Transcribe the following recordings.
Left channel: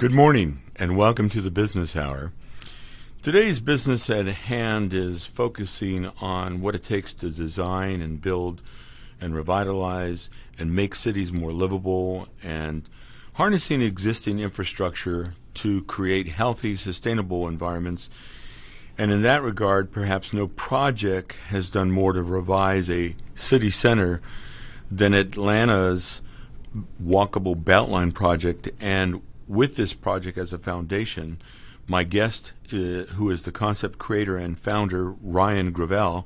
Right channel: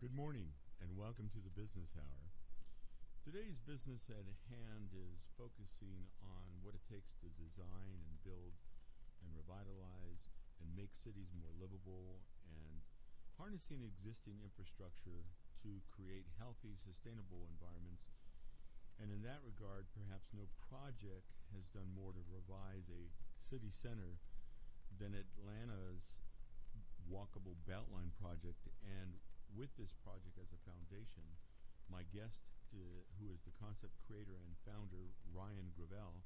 Good morning and welcome to the Business Hour. Today's business at hand is focusing on what it takes to design and build and revitalize and make cities more livable and harnessing existing infrastructure to create healthy, sustainable environments. And in that regard, perhaps no project has done more to revise a city center than Atlanta's walkable Beltline project. And with this project as a foundation, my guest, who is the concept creator and founder, Ron Comacho,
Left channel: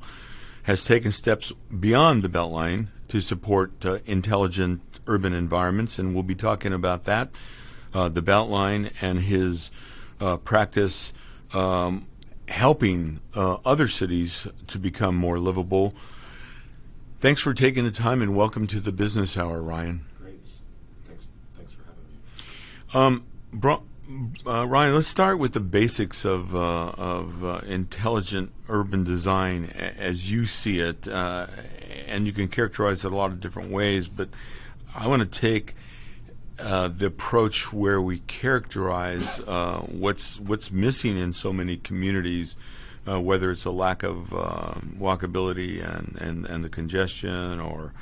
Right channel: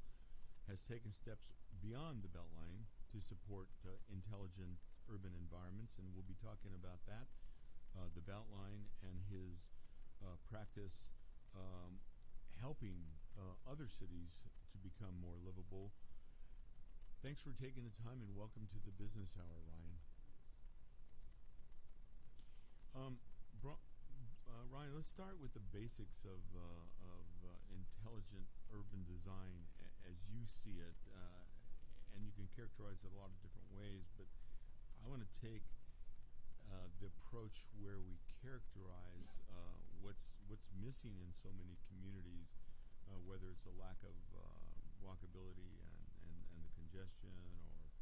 has taken steps beyond the Beltline to support intelligent urban environments, and we'll be talking about that, the Beltline, and his practice helping other cities to become more livable. Thanks for taking the time, and welcome to the Business Hour, Ron. Thanks for having me. Ryan, let's start with the basics of intelligent urban design as you see it, and you can characterize it a lot of different ways. But I want to take the approach where we characterize what's missing in so many communities, whether it's a lack of walkability and the congestion, or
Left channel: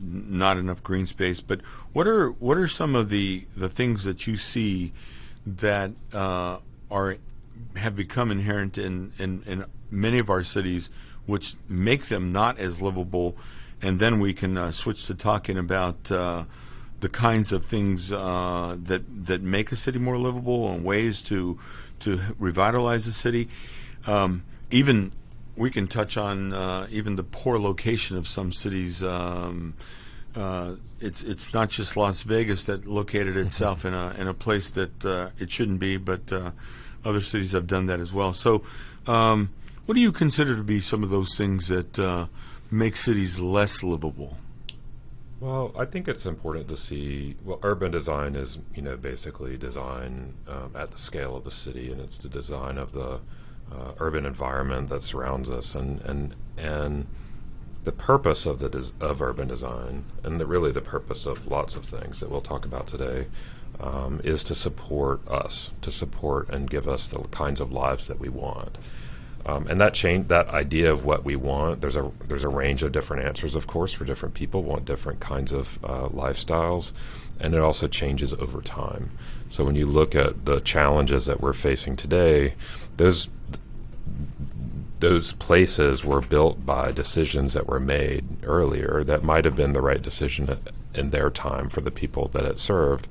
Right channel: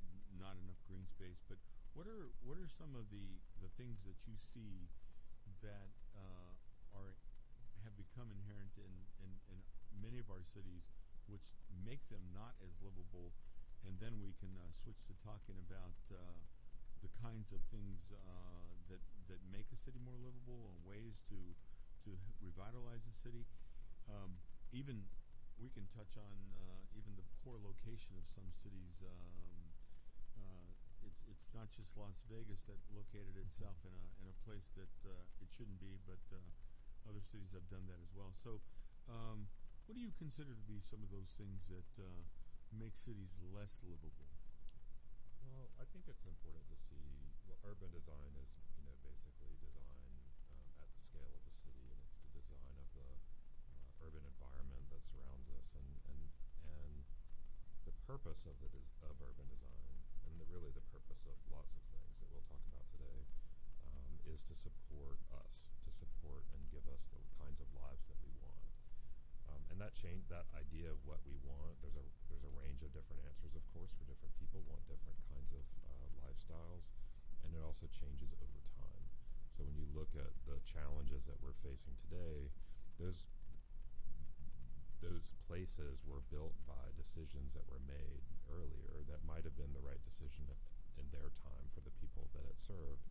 not enough green space. But what are some of the things that you see that have become inherent in many of our cities, which make them not as livable? And then we can switch to talking about the kinds of things that make a city more livable and ways to revitalize the city. Even we can touch on even the poor location of some cities. It's not just Las Vegas that located itself in a place that it shouldn't be, but other cities have done that as well. So, what do you consider to be some of those things that make cities less livable? Well, I think it's important to see. Well, urban design is, basically design at the scale of the city, and it's the design of the urban environment that surrounds us, and the purpose of of urban design, and really the purpose of lots of things that we'll talk about today, is to support us, to support and give us the kinds of lives that we want. And that idea of what we want, there's a range of different answers, of course, for different people want different kinds of lifestyles, and it also changes over time. So when you look at the challenges that we're facing today, those places were built by decisions that were made earlier that might have been the right decision in their time for the people that it served.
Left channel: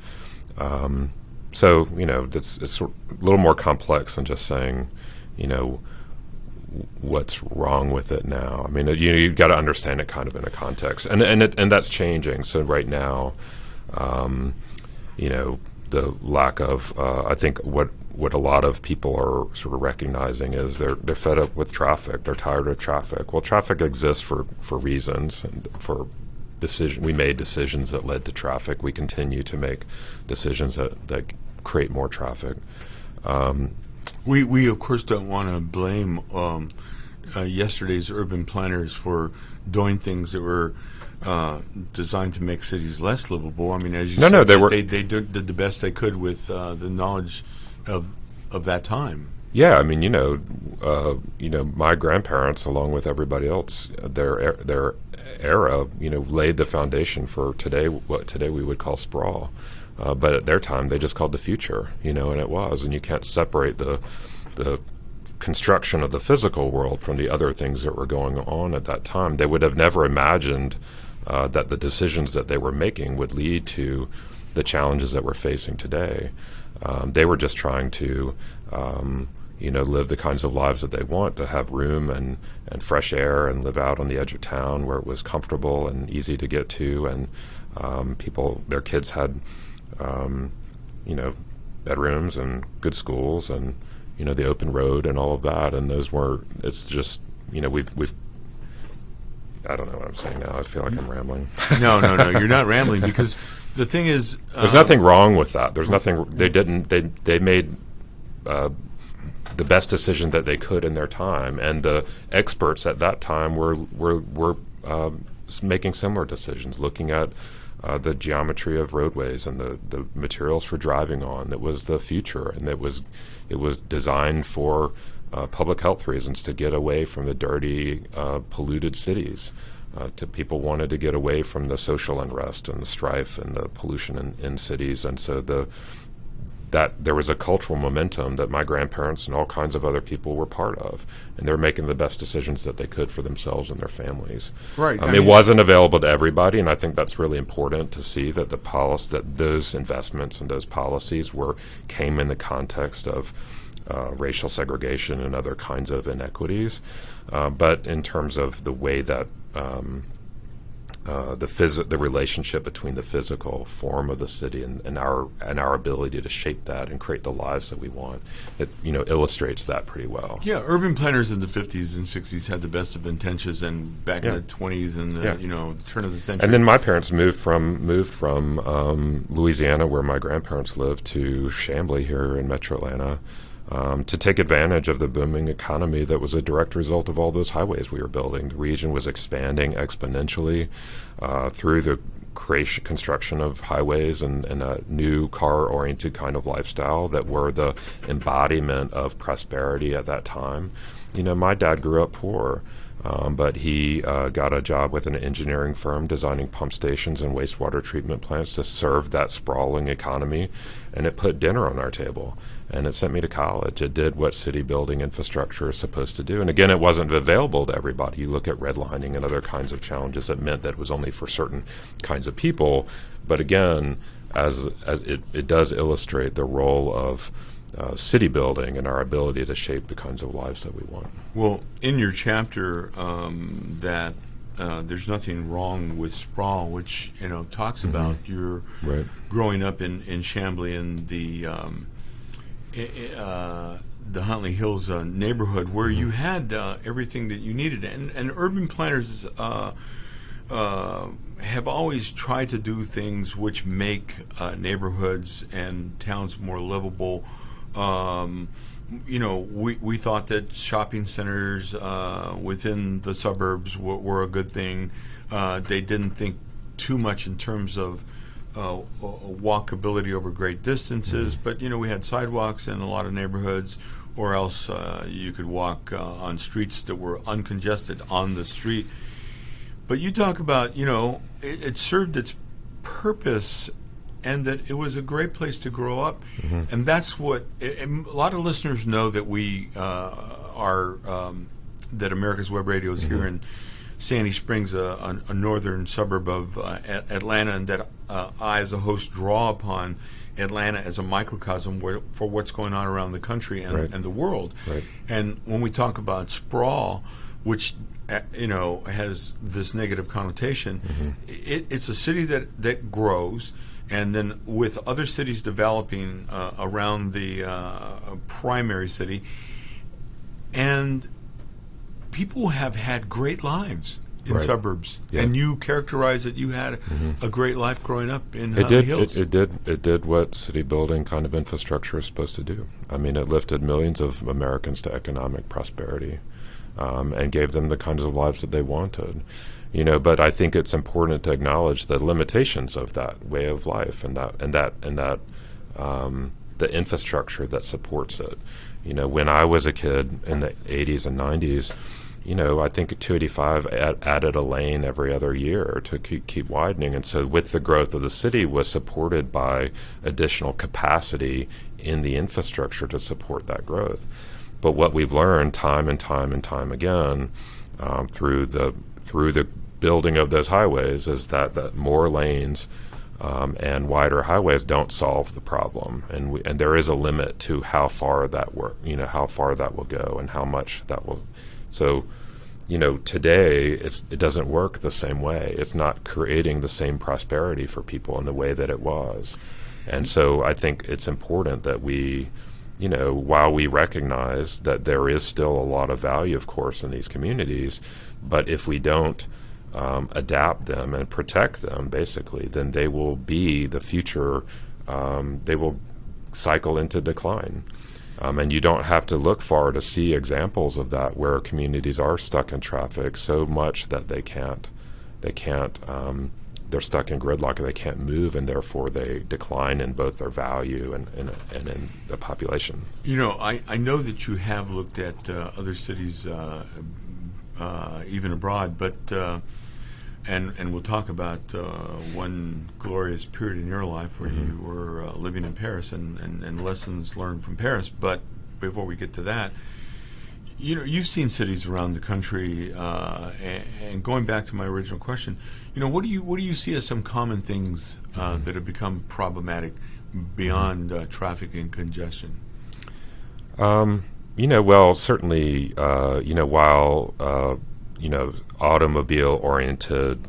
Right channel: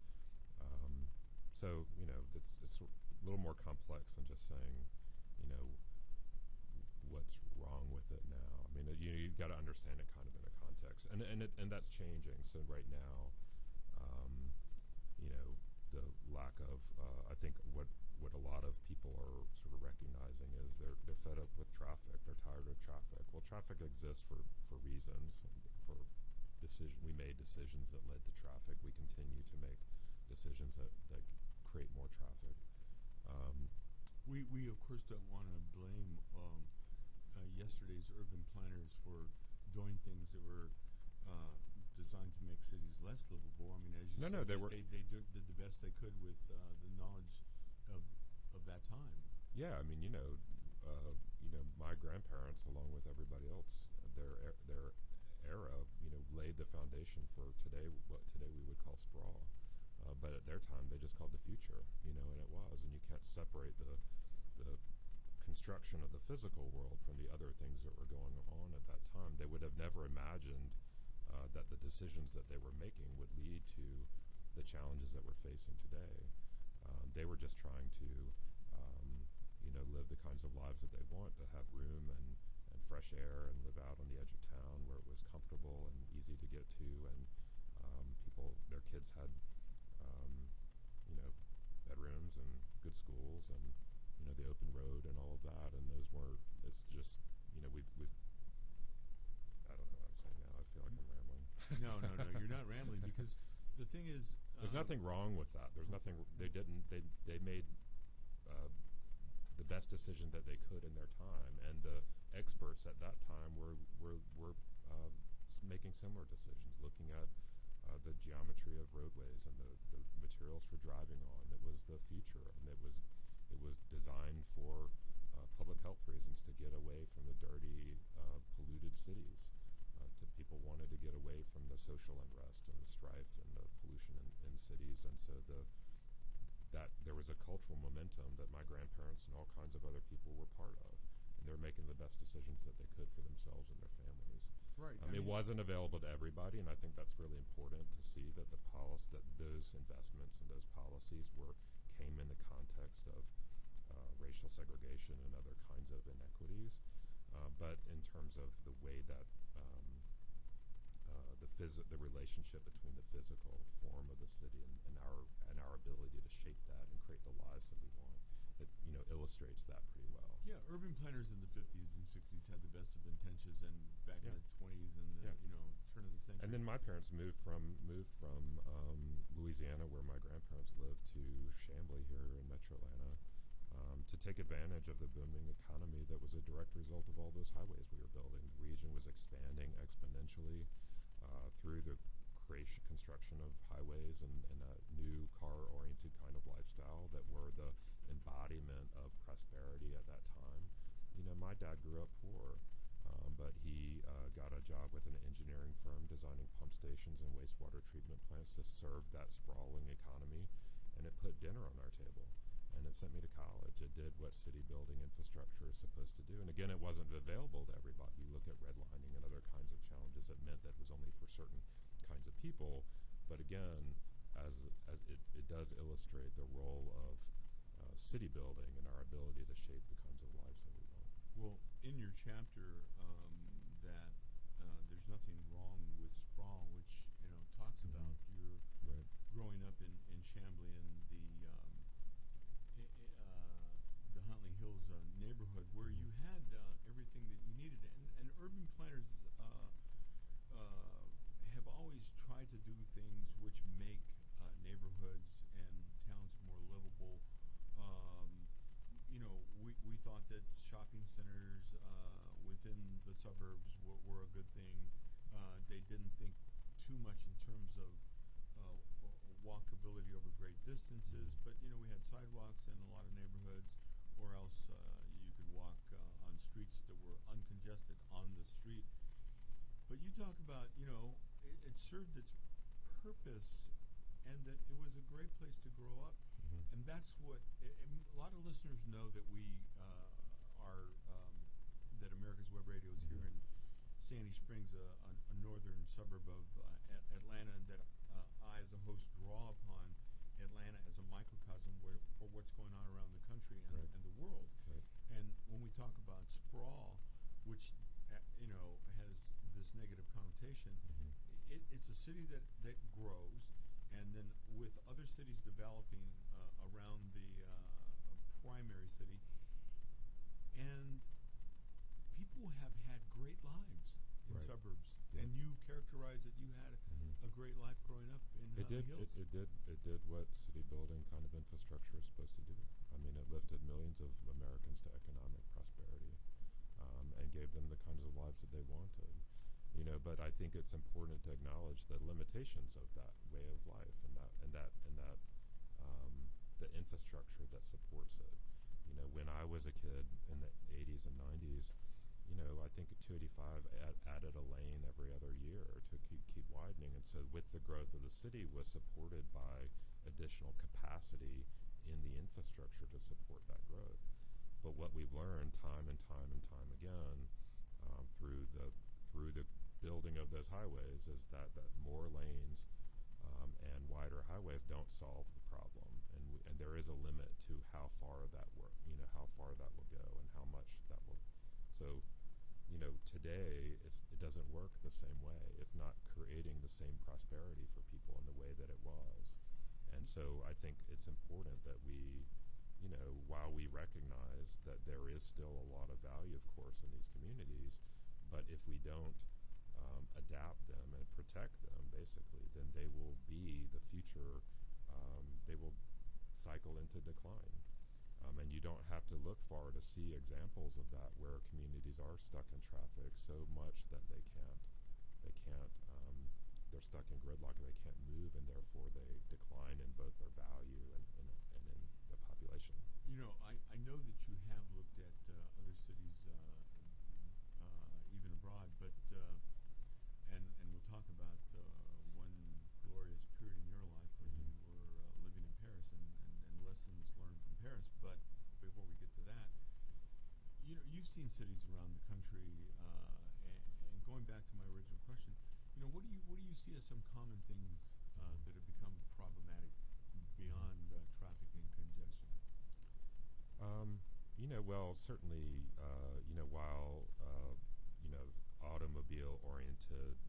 So it's a little more complex than just saying, what's wrong with it now. I mean, you've got to understand it kind of in a context, and that's changing. So right now, the lack of I think what a lot of people are sort of recognizing is they're fed up with traffic. They're tired of traffic. Well, traffic exists for reasons, and we made decisions that led to traffic. We continue to make decisions that create more traffic. We of course don't want to blame yesterday's urban planners for doing things that were designed to make cities less livable. I mean, as you said, they did the best they could with the knowledge of that time. Yeah, I mean, my grandparents, along with everybody else, their era, laid the foundation for today, what today we would call sprawl. But at their time, they just called the future, and it was. And you can't separate the construction of the physical world from the other things that were going on at that time. They would have never imagined that the decisions that they were making would lead to the challenges that we're facing today. They were just trying to, live the kinds of lives that they want, to have room and fresh air and live out on the edge of town where it was comfortable and easy to get to. And their kids had, bedrooms and good schools and, the open road and all of that. And it's just, we've I don't know what I'm saying now. I feel like I'm rambling. No, you're not rambling, because the thing is, there's nothing wrong with that. There's nothing. They made the best decision that they could in their time, and the experts at that time were making similar decisions, looking at the geometry of roadways and the materials for driving on. It was the future, and it was designed for public health reasons, to get away from the dirty, polluted cities. People wanted to get away from the social unrest and the strife and the pollution in cities, and so that there was a cultural momentum that my grandparents and all kinds of other people were part of, and they're making the best decisions that they could for themselves and their families. Right. It wasn't available to everybody, and I think that's really important to see that that those investments and those policies came in the context of racial segregation and other kinds of inequities. But in terms of the way that the relationship between the physical form of the city and our ability to shape that and create the lives that we want, it illustrates that pretty well. Yeah, urban planners in the 50s and 60s had the best of intentions, and back in the 20s and the turn of the century. And then my parents moved from Louisiana, where my grandparents lived, to Chamblee here in Metro Atlanta. To take advantage of the booming economy that was a direct result of all those highways we were building. The region was expanding exponentially through the construction of highways and a new car-oriented kind of lifestyle that were the embodiment of prosperity at that time. My dad grew up poor, but he got a job with an engineering firm designing pump stations and wastewater treatment plants to serve that sprawling economy, and it put dinner on our table. And it sent me to college. It did what city building infrastructure is supposed to do. And again, it wasn't available to everybody. You look at redlining and other kinds of challenges that meant that it was only for certain kinds of people. But again, as it does illustrate the role of city building and our ability to shape the kinds of lives that we want. Well, in your chapter, that there's nothing wrong with sprawl, which talks about your growing up in Chamblee and the Huntley Hills neighborhood, where you had everything that you needed, and urban planners have always tried to do things which make neighborhoods and towns more livable. We thought that shopping centers within the suburbs were a good thing. They didn't think too much in terms of walkability over great distances, but we had sidewalks in a lot of neighborhoods, or else you could walk on streets that were uncongested on the street. But you talk about it served its purpose, and that it was a great place to grow up, and that's what a lot of listeners know, that we are that America's Web Radio is here in Sandy Springs, a northern suburb of Atlanta, and that I, as a host, draw upon Atlanta as a microcosm for what's going on around the country and the world. Right. And when we talk about sprawl, which has this negative connotation, it's a city that grows, and then with other cities developing around the primary city, and people have had great lives in suburbs, and you characterize that you had a great life growing up in Huntley Hills. It did what city building kind of infrastructure is supposed to do. I mean, it lifted millions of Americans to economic prosperity, and gave them the kinds of lives that they wanted. But I think it's important to acknowledge the limitations of that way of life and that the infrastructure that supports it. When I was a kid in the 80s and 90s, I think 285 added a lane every other year to keep widening. And so with the growth of the city was supported by additional capacity in the infrastructure to support that growth. But what we've learned time and time and time again through the building of those highways is that more lanes and wider highways don't solve the problem, and there is a limit to how far that how far that will go and how much that will. So, today it doesn't work the same way. It's not creating the same prosperity for people in the way that it was, and so I think it's important that we, while we recognize that there is still a lot of value, of course, in these communities, but if we don't adapt them and protect them, basically, then they will be the future. They will cycle into decline. And you don't have to look far to see examples of that, where communities are stuck in traffic so much that they can't they're stuck in gridlock and they can't move, and therefore they decline in both their value and in the population. You know, I know that you have looked at other cities, even abroad, but and we'll talk about one glorious period in your life where you were living in Paris and lessons learned from Paris. But before we get to that, you know, you've seen cities around the country, and going back to my original question, you know, what do you see as some common things that have become problematic beyond traffic and congestion? You know, well, certainly, you know, while you know, automobile-oriented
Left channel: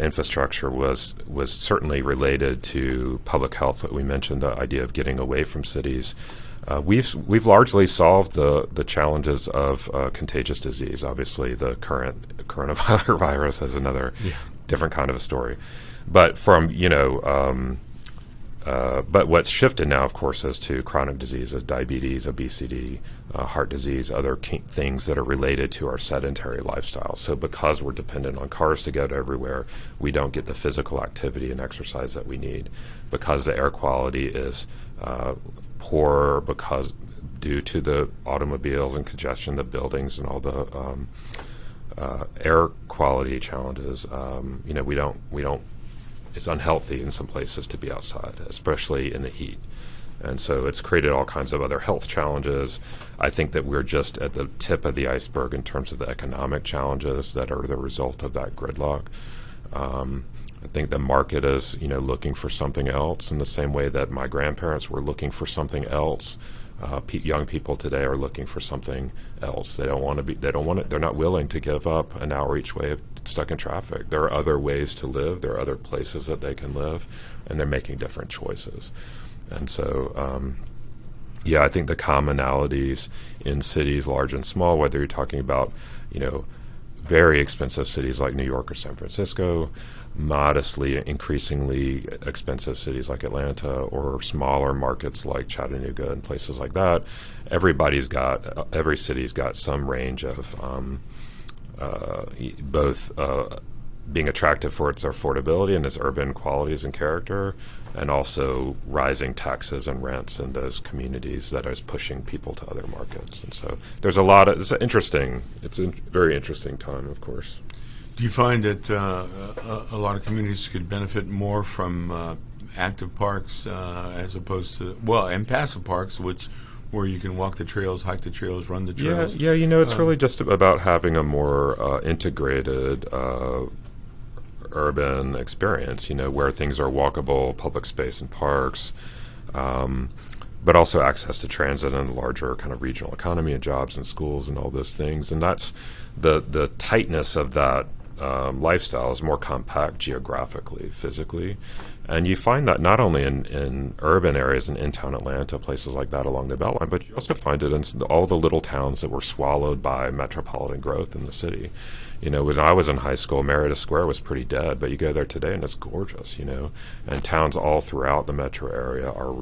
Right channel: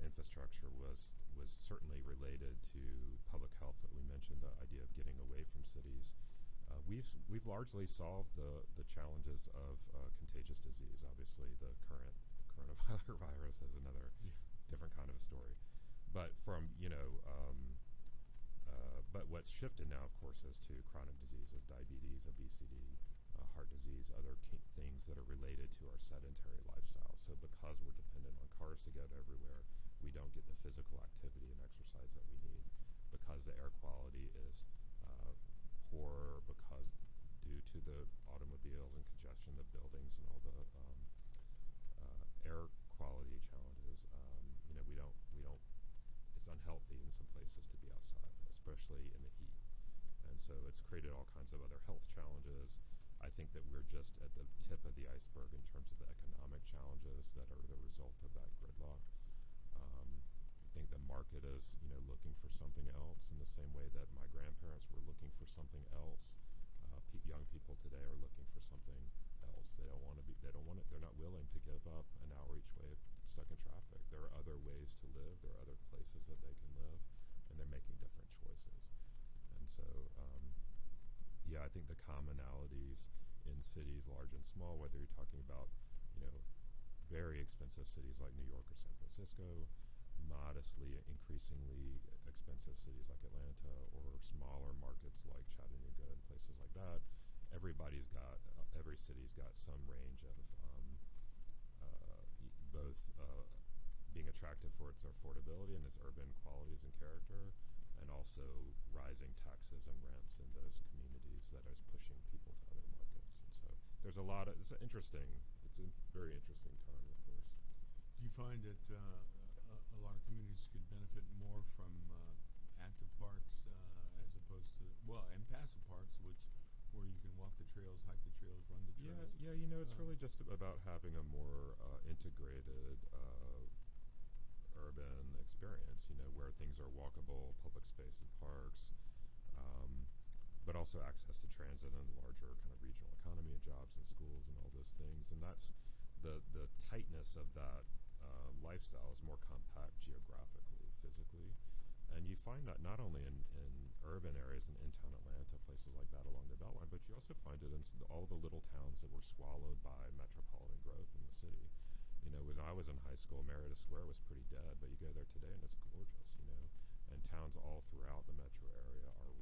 infrastructure was certainly related to public health. That we mentioned the idea of getting away from cities. We've largely solved the challenges of contagious disease. Obviously, the current coronavirus is another different kind of a story. But from, you know, but what's shifted now, of course, is to chronic diseases, diabetes, obesity, heart disease, other things that are related to our sedentary lifestyle. So because we're dependent on cars to get everywhere, we don't get the physical activity and exercise that we need. Because the air quality is poor, because due to the automobiles and congestion, the buildings and all the air quality challenges, you know, we don't. It's unhealthy in some places to be outside, especially in the heat. And so it's created all kinds of other health challenges. I think that we're just at the tip of the iceberg in terms of the economic challenges that are the result of that gridlock. I think the market is, you know, looking for something else in the same way that my grandparents were looking for something else. Young people today are looking for something else. They don't want to be. They don't want it. They're not willing to give up an hour each way of stuck in traffic. There are other ways to live. There are other places that they can live, and they're making different choices. And so, yeah, I think the commonalities in cities, large and small, whether you're talking about, you know, very expensive cities like New York or San Francisco, modestly, increasingly expensive cities like Atlanta, or smaller markets like Chattanooga and places like that. Every city's got some range of both being attractive for its affordability and its urban qualities and character, and also rising taxes and rents in those communities that is pushing people to other markets. And so there's a lot of, it's a very interesting time, of course. Do you find that a lot of communities could benefit more from active parks as opposed to, well, and passive parks, where you can walk the trails, hike the trails, run the trails? Yeah, you know, it's really just about having a more integrated urban experience, you know, where things are walkable, public space and parks, but also access to transit and larger kind of regional economy and jobs and schools and all those things. And that's the tightness of that lifestyle is more compact geographically, physically. And you find that not only in urban areas in in-town Atlanta, places like that along the Beltline, but you also find it in all the little towns that were swallowed by metropolitan growth in the city. You know, when I was in high school, Meredith Square was pretty dead, but you go there today and it's gorgeous, you know. And towns all throughout the metro area are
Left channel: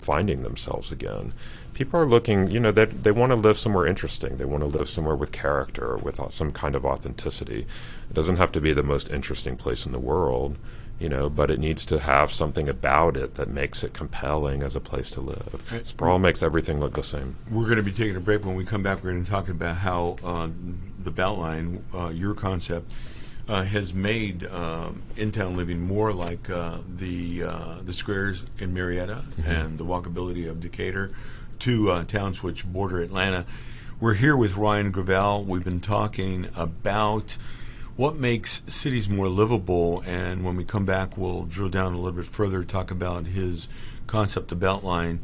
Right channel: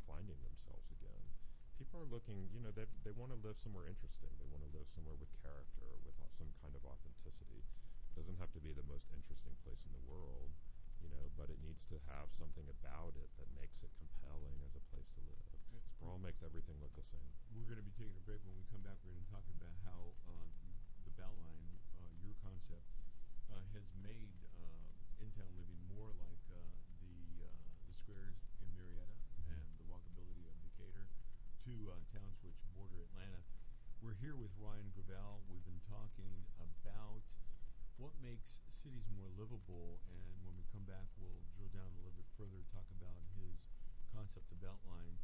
finding themselves again. People are looking, you know, they want to live somewhere interesting. They want to live somewhere with character, with some kind of authenticity. It doesn't have to be the most interesting place in the world, you know, but it needs to have something about it that makes it compelling as a place to live. Sprawl makes everything look the same. We're going to be taking a break. When we come back, we're going to talk about how the Beltline, your concept, has made in-town living more like the squares in Marietta and the walkability of Decatur, two towns which border Atlanta. We're here with Ryan Gravel. We've been talking about what makes cities more livable, and when we come back, we'll drill down a little bit further, talk about his concept, the Beltline,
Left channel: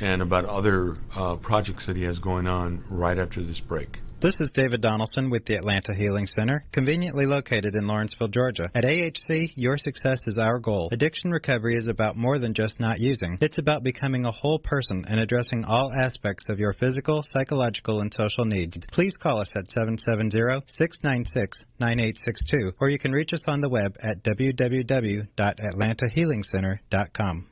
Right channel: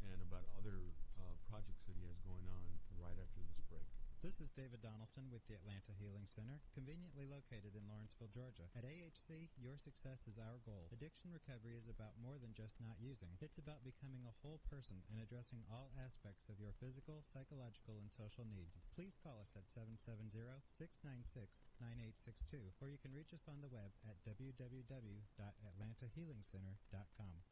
and about other projects that he has going on right after this break. This is David Donaldson with the Atlanta Healing Center, conveniently located in Lawrenceville, Georgia. At AHC, your success is our goal. Addiction recovery is about more than just not using. It's about becoming a whole person and addressing all aspects of your physical, psychological, and social needs. Please call us at 770-696-9862, or you can reach us on the web at www.atlantahealingcenter.com.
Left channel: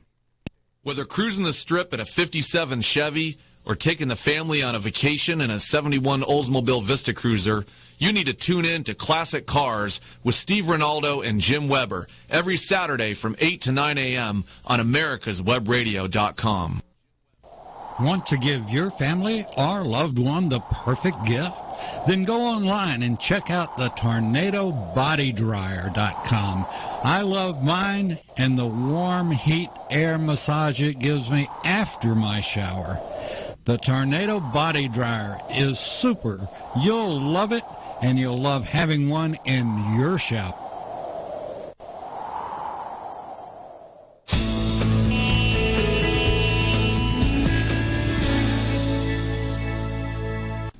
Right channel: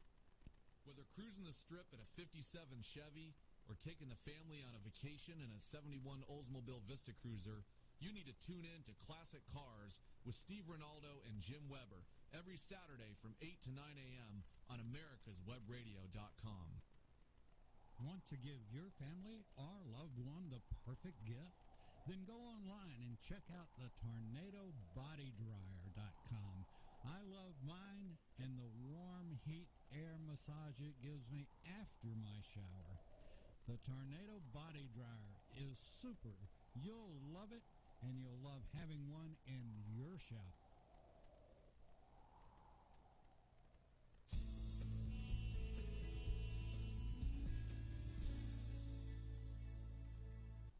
Whether cruising the strip in a 57 Chevy or taking the family on a vacation in a 71 Oldsmobile Vista Cruiser, You need to tune in to Classic Cars with Steve Ronaldo and Jim Weber every Saturday from 8 to 9 a.m. on americaswebradio.com. Want to give your family or loved one the perfect gift? Then go online and check out the TornadoBodyDryer.com. I love mine and the warm heat air massage it gives me after my shower. The Tornado Body Dryer is super. You'll love it, and you'll love having one in your shower.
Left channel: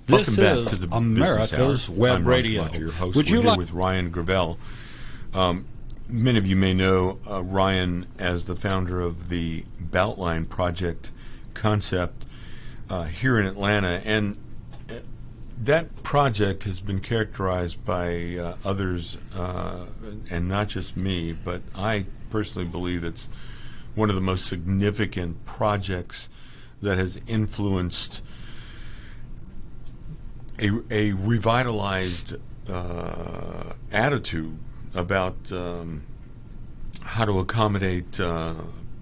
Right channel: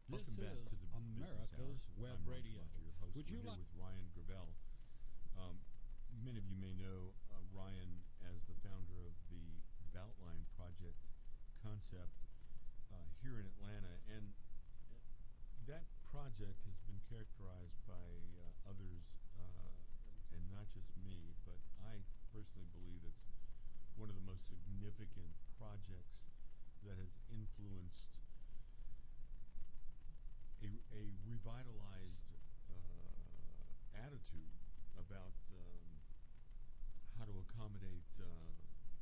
Welcome This back is to the America's Business Hour. Web I'm Ron Radio. Comacho, your host. Would you We're here like with Ryan Gravel. Many of you may know Ryan as the founder of the Beltline project concept here in Atlanta, and that project has been characterized by others, and not just me, but I personally believe it's one of the most significant projects that has influenced a revitalized attitude about how to accommodate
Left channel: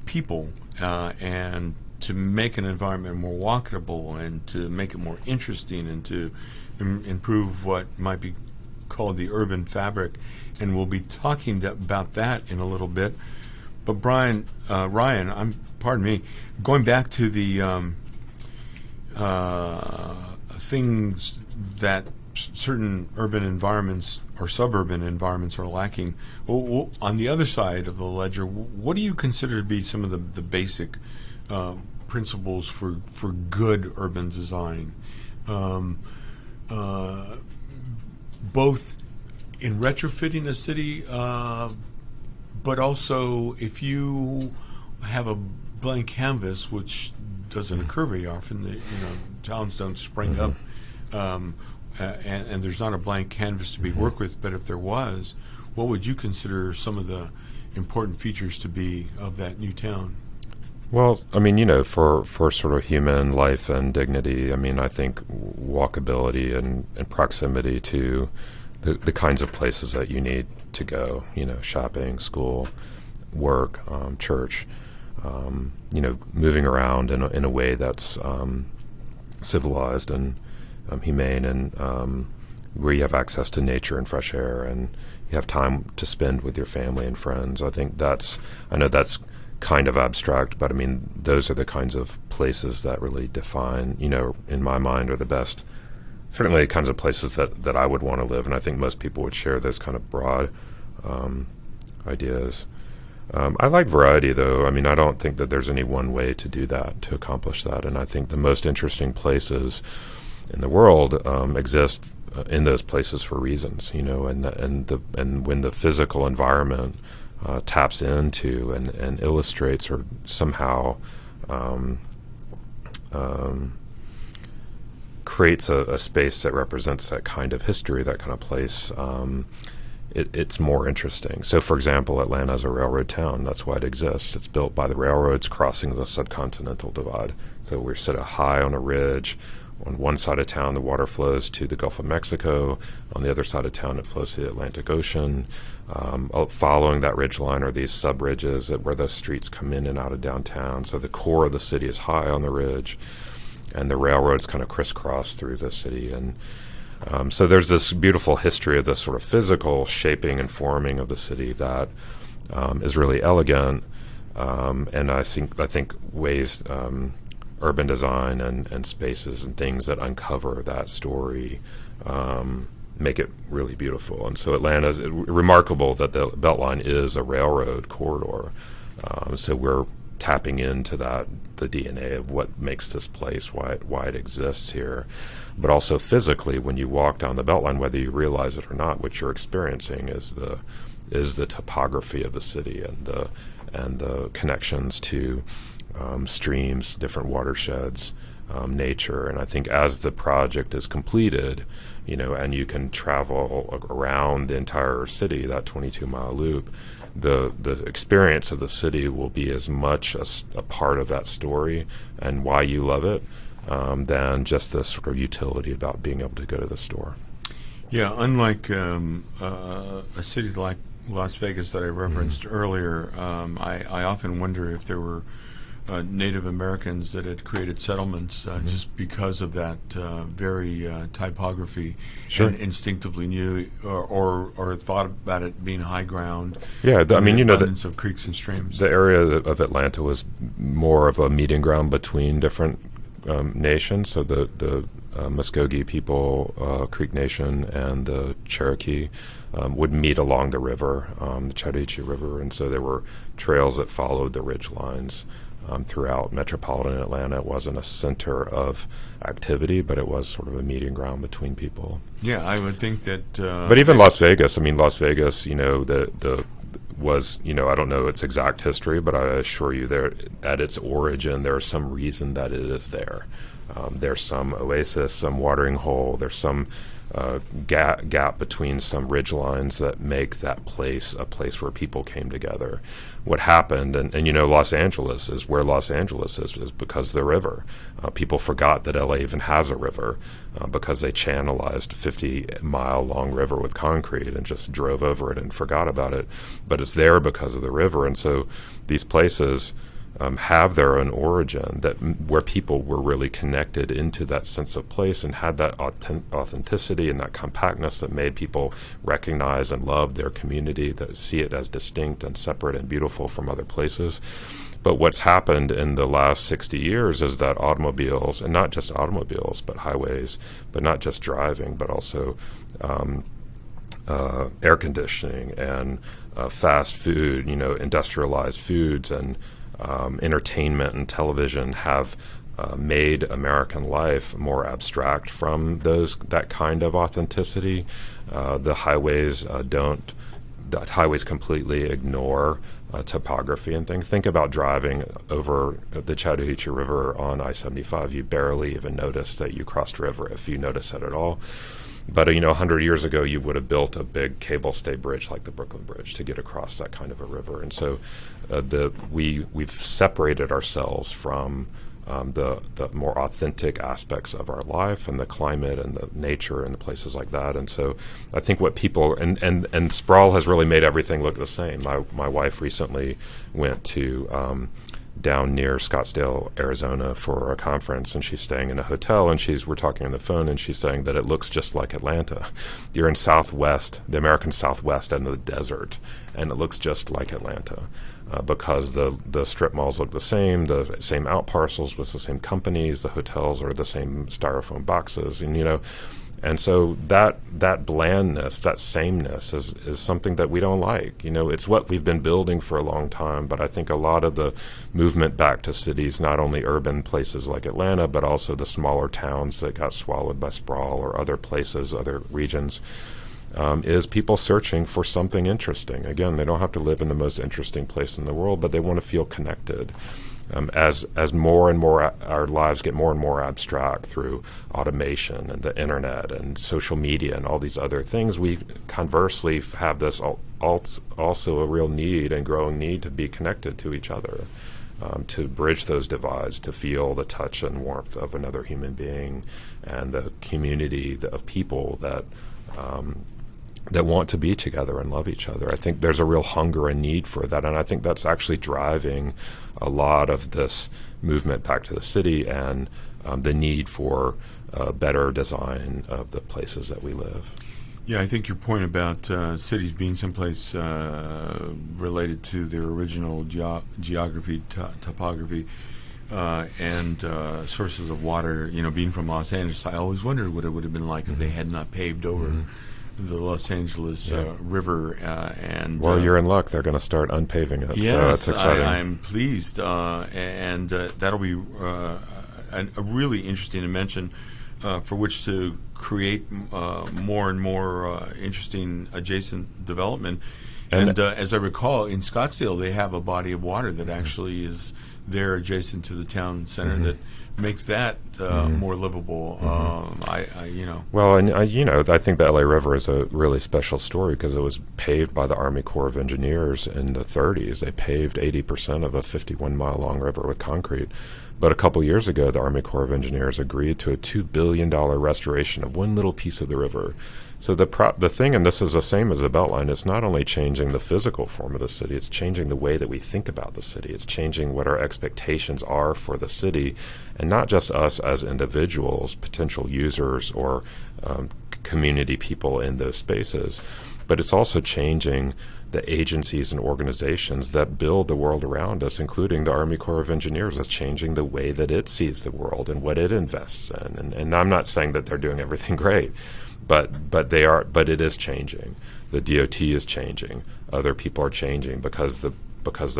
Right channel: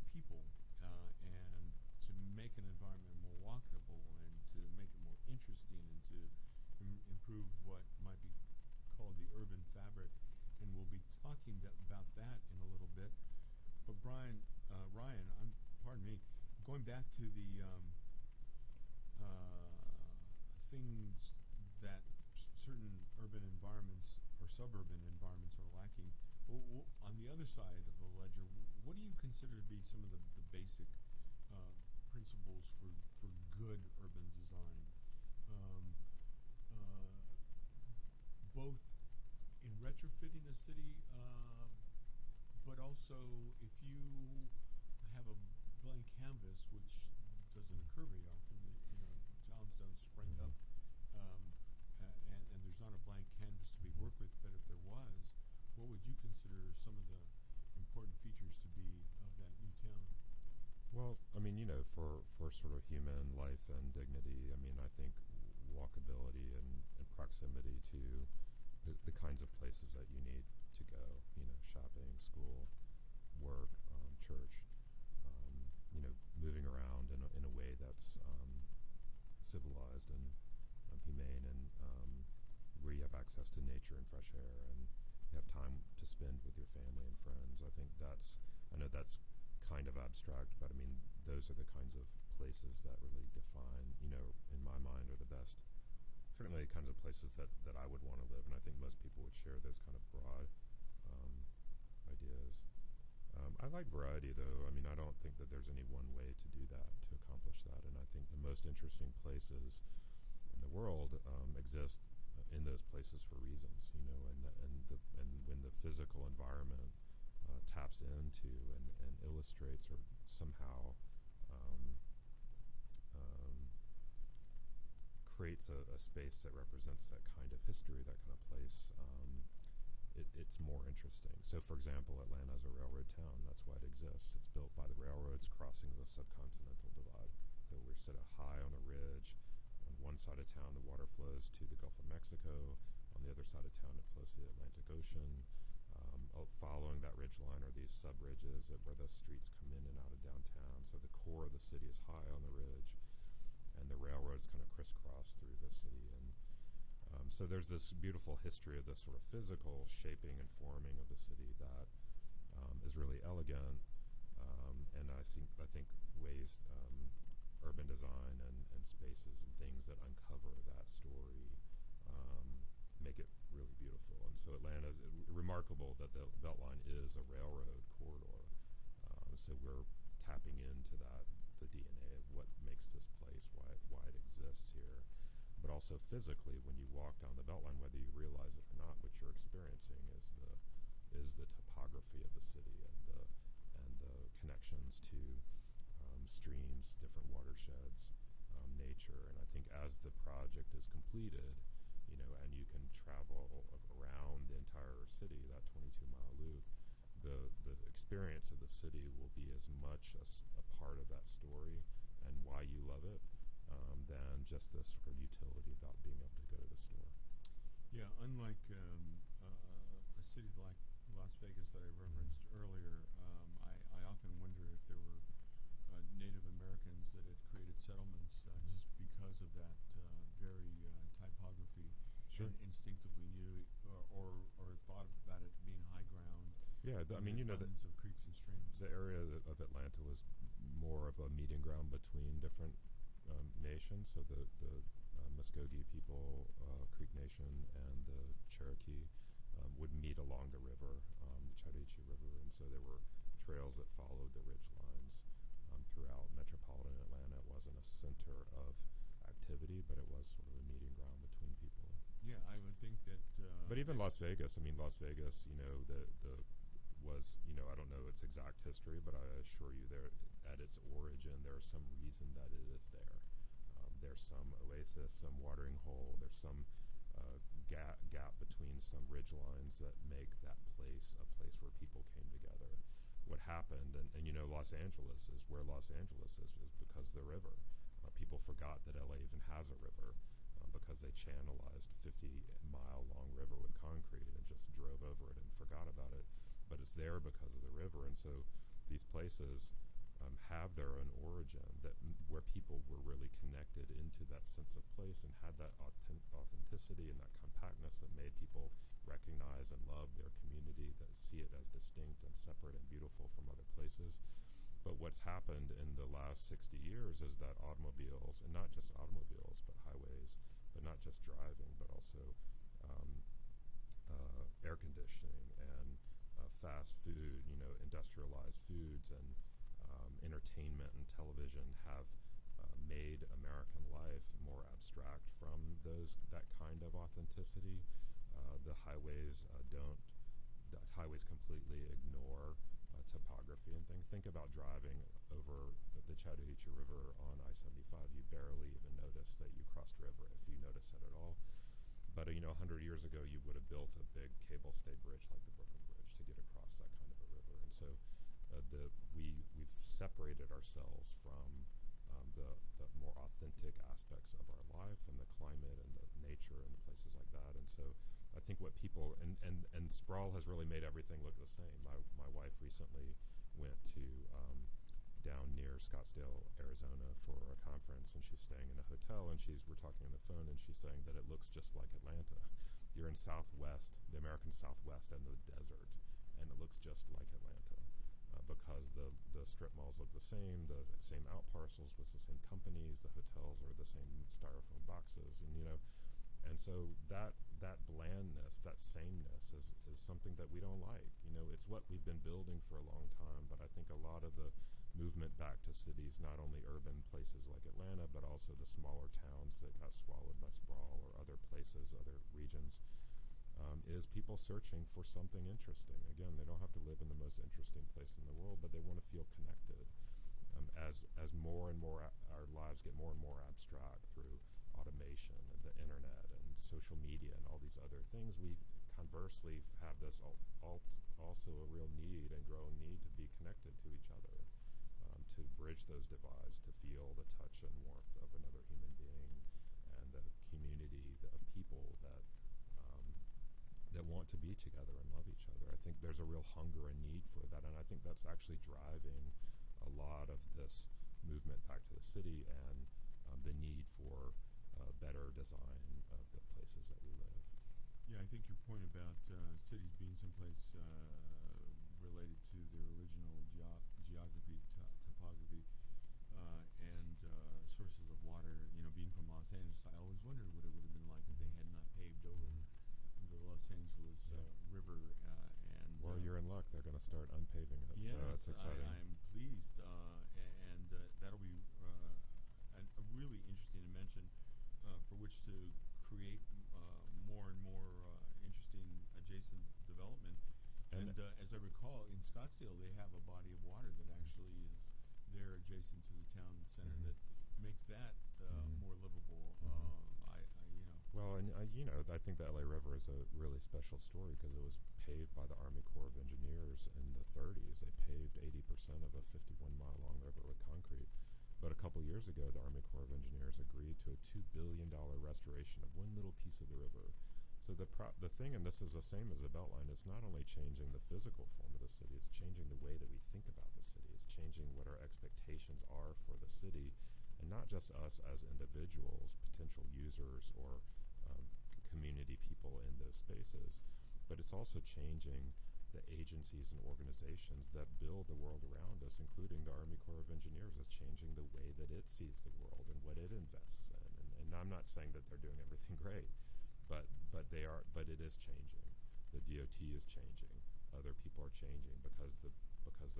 people and to make an environment more walkable and to make it more interesting and to improve what might be called the urban fabric. And we'll be talking about that in a little bit. But Ryan, pardon me, going back to the things that certain urban environments or suburban environments are lacking. Well, on the other side of the ledger, what do you consider to be some of the basic principles for good urban design, both in retrofitting a city, but also if you have a blank canvas, which doesn't occur very often. Towns don't spring up, and there's not a blank canvas to be worked with. But if there was, what would you consider some of the important features to be of that new town? Well, I mean, for sort of human life and dignity, I mean, I think walkability and proximity to the kinds of places that you need to go, shopping, school, work, church, moving around in a way that's civilized and humane, and where you have access to nature and fresh air and you have time to spend with your family and friends. I know that's kind of abstract, but I mean, those are the kinds of places that really define, in my mind, are the best, certainly the kinds of places that I would want to live. And I think most people would share those kind of broad ideas. I like variety, though. I mean, I don't think that there's any one way to do that, to accomplish that. And I think the most interesting places in the world exist in those places for reasons, and when the physical environment taps into and illustrates or somehow creates a space that represents that kind of history, that kind of place, it's more interesting. So, for example, Atlanta is a railroad town. That's why it exists. It's built by the railroads crossing the subcontinental divide. So we're set high on a ridge. On one side of town, the water flows to the Gulf of Mexico. On the other side of town, it flows to the Atlantic Ocean. Following that ridge line are these sub-ridges where the streets come in and out of downtown. So the core of the city is high on the ridge, and the railroads kind of crisscross through the city. And so there's this beautiful history of this sort of physical shaping and forming of the city that is really elegant, and I think ways urban design and spaces and things that uncover that story make it really beautiful. And so Atlanta is remarkable that the Beltline is a railroad corridor. So we're tapping into the DNA of what makes this place, why it exists here. But also physically, when you walk down the Beltline, whether you realize it or not, what you're experiencing is the topography of the city and the connections to streams, different watersheds, nature. And I think as the project is completed, and you can travel around the entire city, that 22-mile loop, the experience of the city will be as much a part of that story and why you love it than just the sort of utility about being able to go to the store. Yeah, unlike a city like Las Vegas that I referenced earlier, I often wonder if there were Native Americans that had created settlements just because of that very typography, Sure. and instinctively knew or thought about it being high ground. Yeah, and I mean, the you know, abundance of creeks and streams. the area of Atlanta was more of a meeting ground between different nations. So the Muskogee people, Creek Nation, and the Cherokee would meet along the river, the Chattahoochee River, and so there were trails that followed the ridge lines throughout metropolitan Atlanta. It wasn't a center of activity, but it was sort of a meeting ground between people. Yeah, I would think that. But even Las Vegas, I mean, Las Vegas, you know, the was, you know, I don't know its exact history, but I assure you there at its origin, there's some reason that it is there. There's some oasis, some watering hole, there's some gap between some ridge lines that make that place a place where people came together. What happened, and you know, Los Angeles is where Los Angeles is because of the river. People forgot that LA even has a river because they channelized a 50-mile-long river with concrete and just drove over it and forgot about it. But it's there because of the river, and so these places have their own origin where people were really connected into that sense of place and had that authenticity and that compactness that made people recognize and love their community, that see it as distinct and separate and beautiful from other places. But what's happened in the last 60 years is that automobiles, and not just automobiles, but highways, but not just driving, but also air conditioning and fast food, you know, industrialized foods and entertainment and television have made American life more abstract from that kind of authenticity. The highways completely ignore topography and things. Think about driving over the Chattahoochee River on I-75. You barely even notice that you crossed a river, if you notice it at all. But, you know, 100 years ago, you would have built a big cable stay bridge like the Brooklyn Bridge to get across that kind of a river. And so we've separated ourselves from the more authentic aspects of our life and the climate and the nature and the places like that. And so I think what people, and sprawl has really made everything look the same. My wife recently went to down near Scottsdale, Arizona for a conference, and she's staying in a hotel, and we're talking on the phone, and she's saying that it looks just like Atlanta. You're in the American Southwest end of the desert, and it looks just like Atlanta because the strip malls look the same out parcels with the same companies, the hotels are the same styrofoam boxes, and you know. And so that blandness, that sameness is something that we don't like. You know, it's what we've been building for a long time, but I think a lot of the movement back to cities, not only urban places like Atlanta, but also the smaller towns that got swallowed by sprawl or other places, other regions, is people searching for something interesting. Again, they don't have to live in the most interesting place in the world, but they want to feel connected. As more and more our lives get more and more abstract through automation and the internet and social media and all these other things, we conversely have this also a real need and growing need to be connected to each other, to bridge those divides, to feel the touch and warmth of another human being and the community of people that want to be together and love each other. I think there's a real hunger and need for that, and I think that's actually driving a lot of this movement back to the city and the need for better design of the places that we live. Yeah, I think your point about cities being someplace related to their original geography, topography, and sources of water, you know, being from Los Angeles, I always wondered what it would have been like if they had not paved over the Los Angeles River. Well, you're in luck. They're going to start unpaving it. Yes, so that's exciting. I'm pleased. And that'll be a really interesting dimension for which to create more and more interesting adjacent development. And as I recall, in Scottsdale, they have a body of water that actually is there adjacent to the town center that makes that more livable. Well, and I think the LA River is a really special story because it was paved by the Army Corps of Engineers in the 30s. They paved 80% of a 51-mile-long river with concrete. But a couple years ago, the Army Corps of Engineers agreed to a $2 billion restoration of one little piece of the river. So the thing, and this is the same as the Beltline, it's not only changing the physical form of the city, it's changing the way that we think about the city. It's changing what our expectations are for the city, and not just us as individuals, potential users, or community people in those spaces, but it's also changing the agencies and organizations that build the world around us, including the Army Corps of Engineers. It's changing the way that it sees the world and what it invests in. And I'm not saying that they're doing everything great, but it is changing. The DOT is changing. Other people are changing because the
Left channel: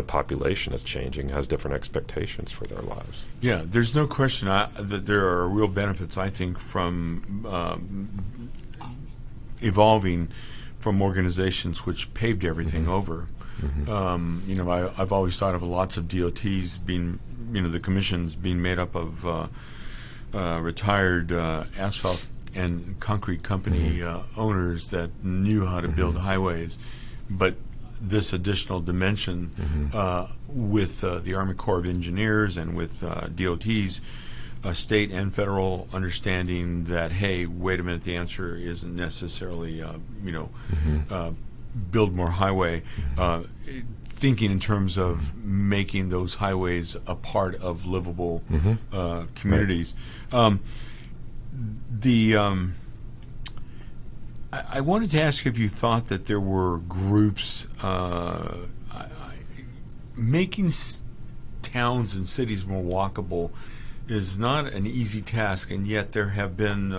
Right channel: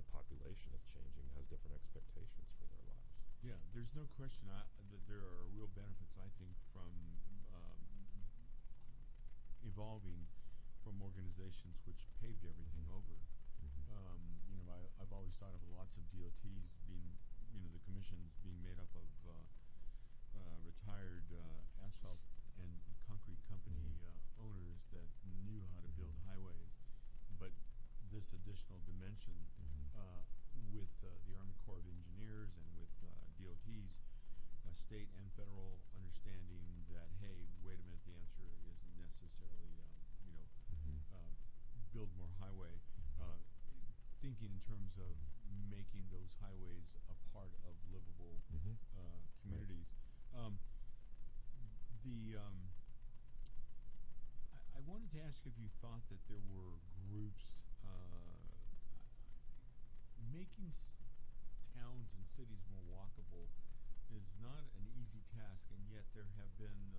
population is changing, has different expectations for their lives. Yeah, there's no question that there are real benefits, I think, from evolving from organizations which paved everything over. I've always thought of lots of DOTs being, the commissions being made up of retired asphalt and concrete company owners that knew how to build highways. But this additional dimension with the Army Corps of Engineers and with DOTs, state and federal, understanding that, hey, wait a minute, the answer isn't necessarily, build more highway, thinking in terms of making those highways a part of livable communities. I wanted to ask if you thought that there were groups making towns and cities more walkable is not an easy task, and yet there have been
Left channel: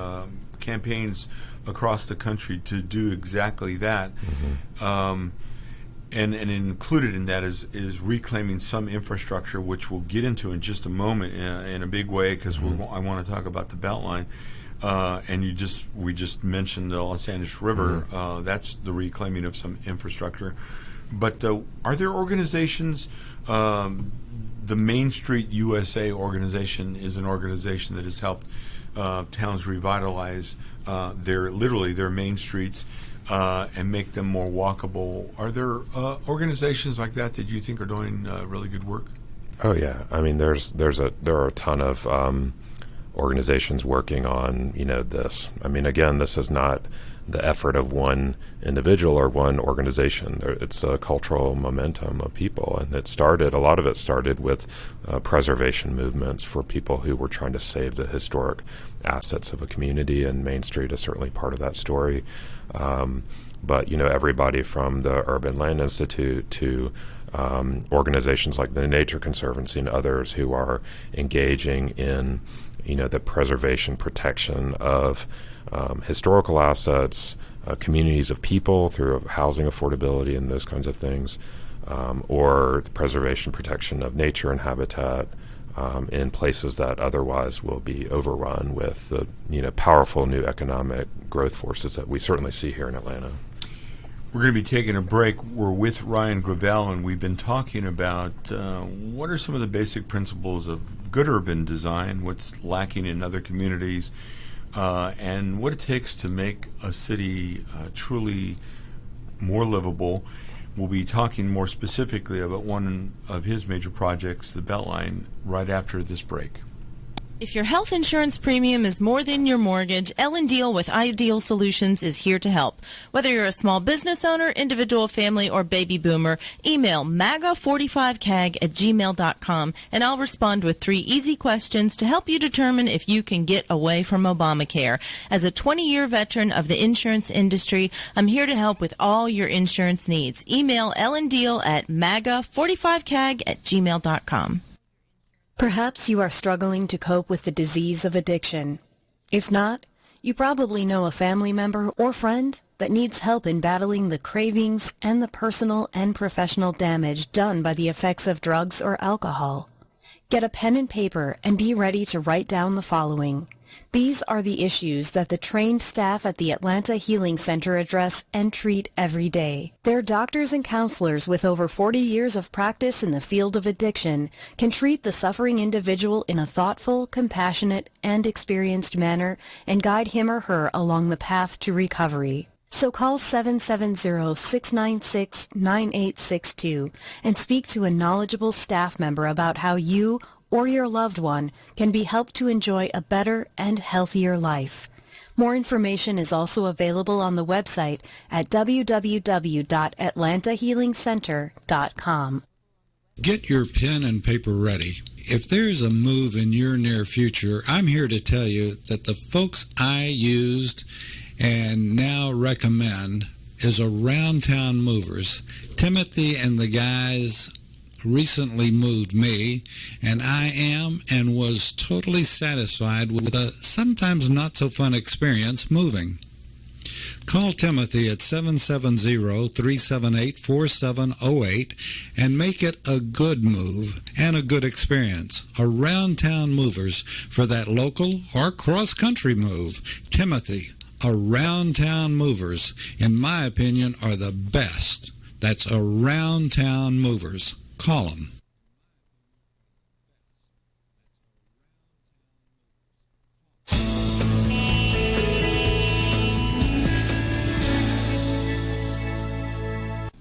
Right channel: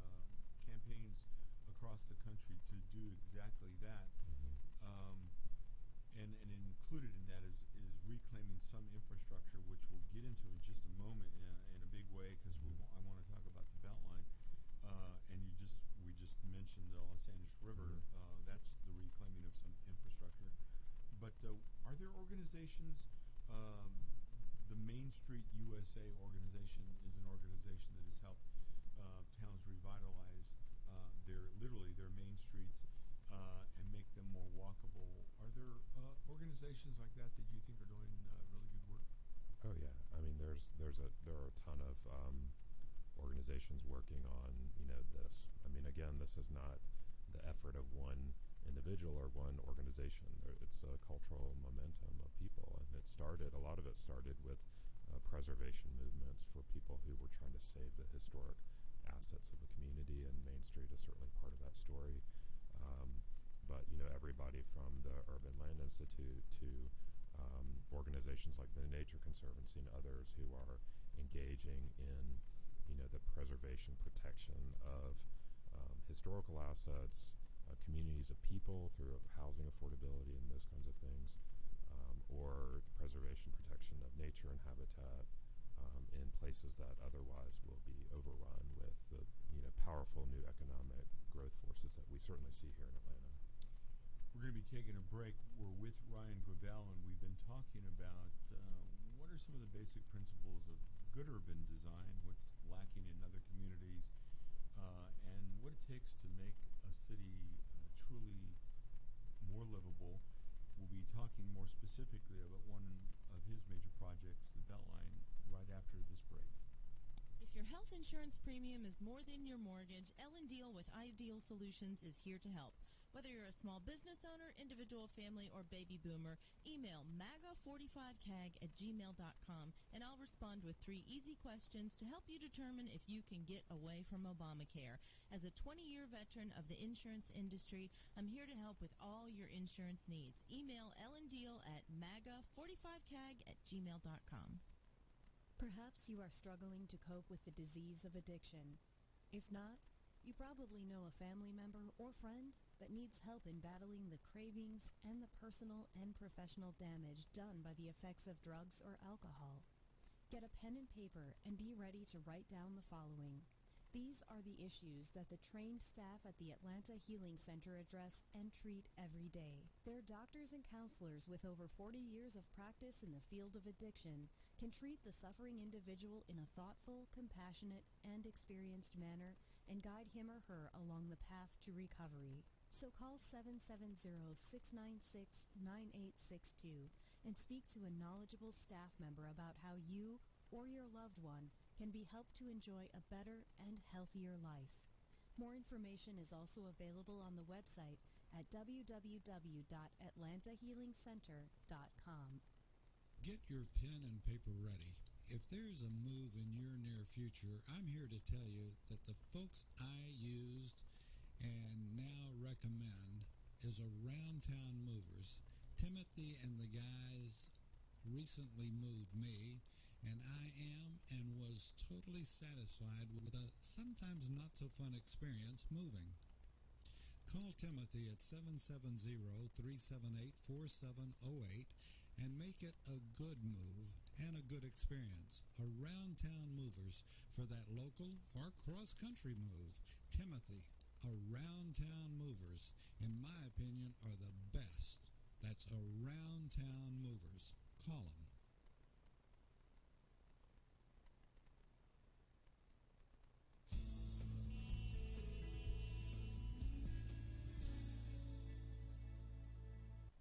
campaigns across the country to do exactly that. And included in that is reclaiming some infrastructure, which we'll get into in just a moment in a big way, because I want to talk about the Beltline. And we just mentioned the Los Angeles River. That's the reclaiming of some infrastructure. But are there organizations? The Main Street USA organization is an organization that has helped towns revitalize their main streets and make them more walkable. Are there organizations like that you think are doing really good work? Oh yeah, I mean there are a ton of organizations working on this. I mean, again, this is not the effort of one individual or one organization. It's a cultural momentum of people, and a lot of it started with preservation movements for people who were trying to save the historic assets of a community, and Main Street is certainly part of that story. But everybody from the Urban Land Institute to organizations like the Nature Conservancy and others who are engaging in the preservation, protection of historical assets, communities of people through housing affordability and those kinds of things, or the preservation, protection of nature and habitat in places that otherwise will be overrun with the powerful new economic growth forces that we certainly see here in Atlanta. We're going to be taking a break. We're with Ryan Gravel, and we've been talking about what are some of the basic principles of good urban design, what's lacking in other communities, and what it takes to make a city truly more livable. We'll be talking more specifically about one of his major projects, the Beltline, right after this break. If your health insurance premium is more than your mortgage, Ellen Deal with Ideal Solutions is here to help. Whether you're a small business owner, individual, family, or baby boomer, email MAGA45CAG@gmail.com and I'll respond with 3 easy questions to help you determine if you can get away from Obamacare. As a 20-year veteran of the insurance industry, I'm here to help with all your insurance needs. Email Ellen Deal at MAGA45CAG@gmail.com. Perhaps you are struggling to cope with the disease of addiction. If not, you probably know a family member or friend that needs help in battling the cravings and the personal and professional damage done by the effects of drugs or alcohol. Get a pen and paper and be ready to write down the following. These are the issues that the trained staff at the Atlanta Healing Center address and treat every day. Their doctors and counselors with over 40 years of practice in the field of addiction can treat the suffering individual in a thoughtful, compassionate, and experienced manner and guide him or her along the path to recovery. So call 770-696-9862 and speak to a knowledgeable staff member about how you or your loved one can be helped to enjoy a better and healthier life. More information is also available on the website at www.atlantahealingcenter.com. Get your pen and paper ready. If there's a move in your near future, I'm here to tell you that the folks I used and now recommend is Around Town Movers. Timothy and the guys recently moved me, and I am and was totally satisfied with a sometimes not so fun experience moving. Call Timothy at 770-378-4708 and make it a good move and a good experience. Around Town Movers for that local or cross-country move. Timothy, Around Town Movers, in my opinion, are the best. That's Around Town Movers. Call them.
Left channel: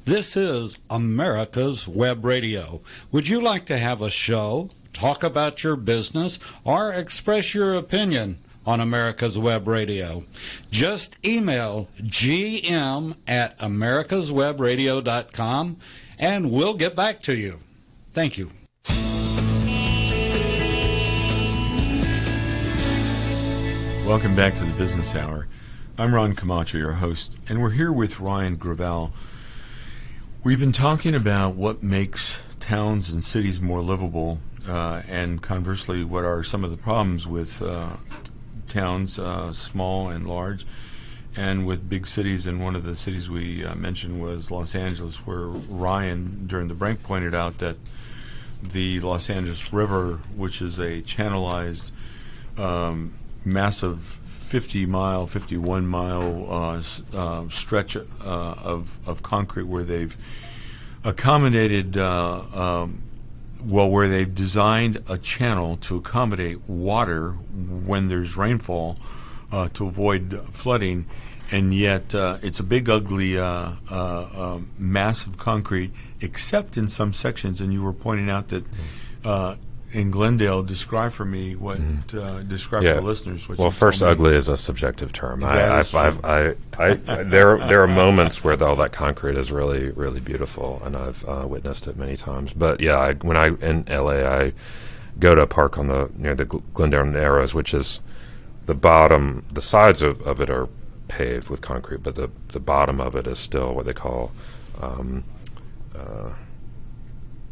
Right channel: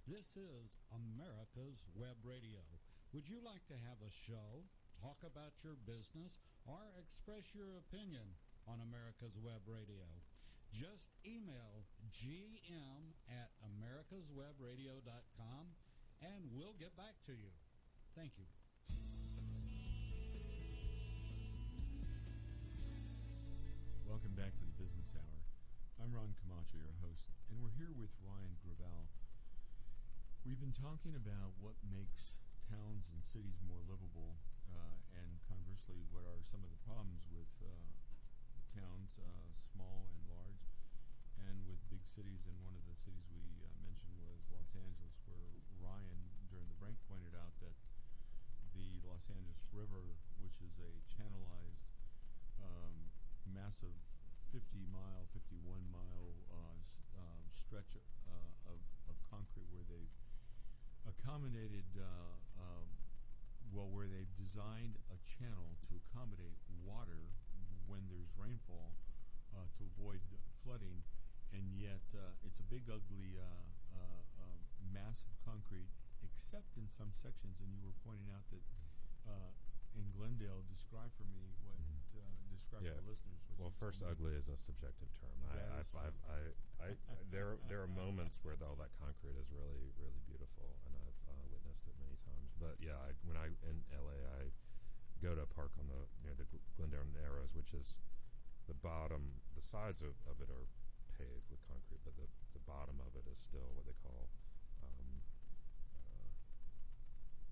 This is America's Web Radio. Would you like to have a show, talk about your business, or express your opinion on America's Web Radio? Just email gm@americaswebradio.com and we'll get back to you. Thank you. Welcome back to the Business Hour. I'm Ron Comacho, your host, and we're here with Ryan Gravel. We've been talking about what makes towns and cities more livable, and conversely, what are some of the problems with towns, small and large, and with big cities. And one of the cities we mentioned was Los Angeles, where Ryan, during the break, pointed out that the Los Angeles River, which is a channelized, massive 50-mile, 51-mile stretch of concrete where they've accommodated, where they've designed a channel to accommodate water when there's rainfall to avoid flooding, and yet it's a big, ugly, massive concrete, except in some sections. And you were pointing out that in Glendale, describe for me what describe for the listeners. What well, first, ugly is a subjective term. There are moments where all that concrete is really, really beautiful, and I've witnessed it many times. But yeah, when I in LA, I go to a park near the Glendale Narrows, which is the bottom. The sides of it are paved with concrete, but the bottom of it is still what they call.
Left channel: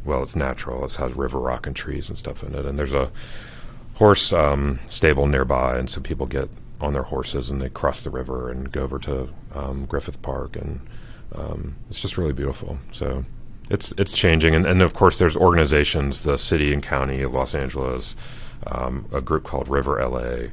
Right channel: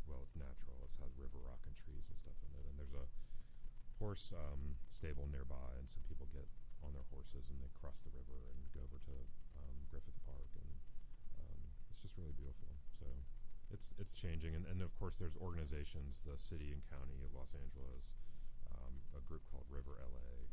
Well, it's natural. It has river rock and trees and stuff in it. And there's a horse stable nearby, and so people get on their horses and they cross the river and go over to Griffith Park, and it's just really beautiful. So it's changing. And of course, there's organizations, the city and county of Los Angeles, a group called River LA,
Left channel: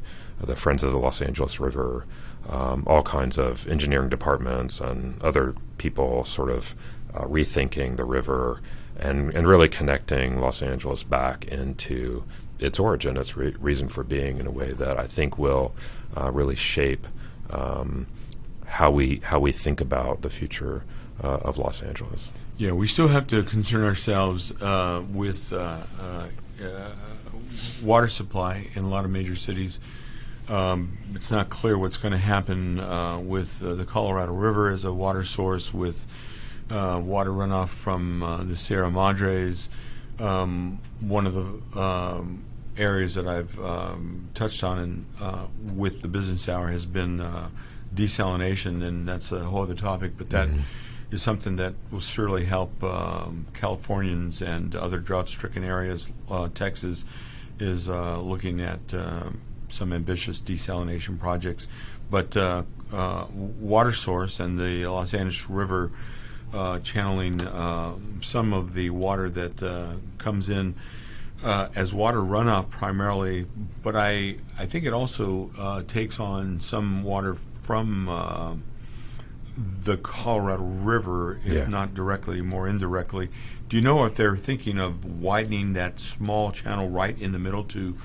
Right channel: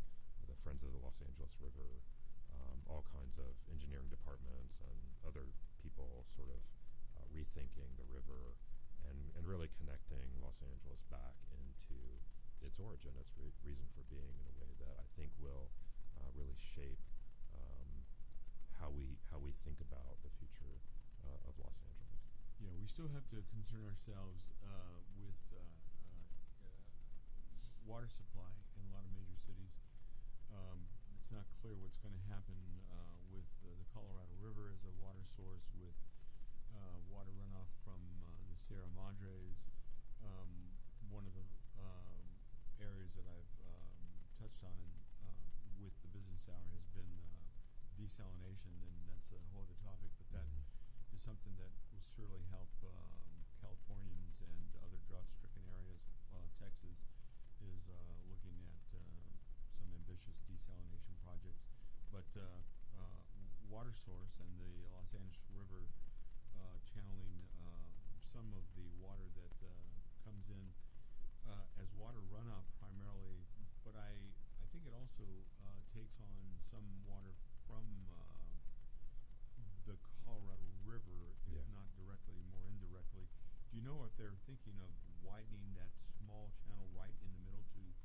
the Friends of the Los Angeles River, all kinds of engineering departments and other people sort of rethinking the river and really connecting Los Angeles back into its origin, its reason for being, in a way that I think will really shape how we think about the future of Los Angeles. Yeah, we still have to concern ourselves with water supply in a lot of major cities. It's not clear what's going to happen with the Colorado River as a water source, with water runoff from the Sierra Madres. One of the areas that I've touched on with the Business Hour has been desalination, and that's a whole other topic, but that is something that will surely help Californians and other drought-stricken areas. Texas is looking at some ambitious desalination projects, but water source and the Los Angeles River channeling some of the water that comes in as water runoff primarily, but I think it also takes on some water from the Colorado River, if not directly, more indirectly. Do you know if they're thinking of widening that small channel right in the middle to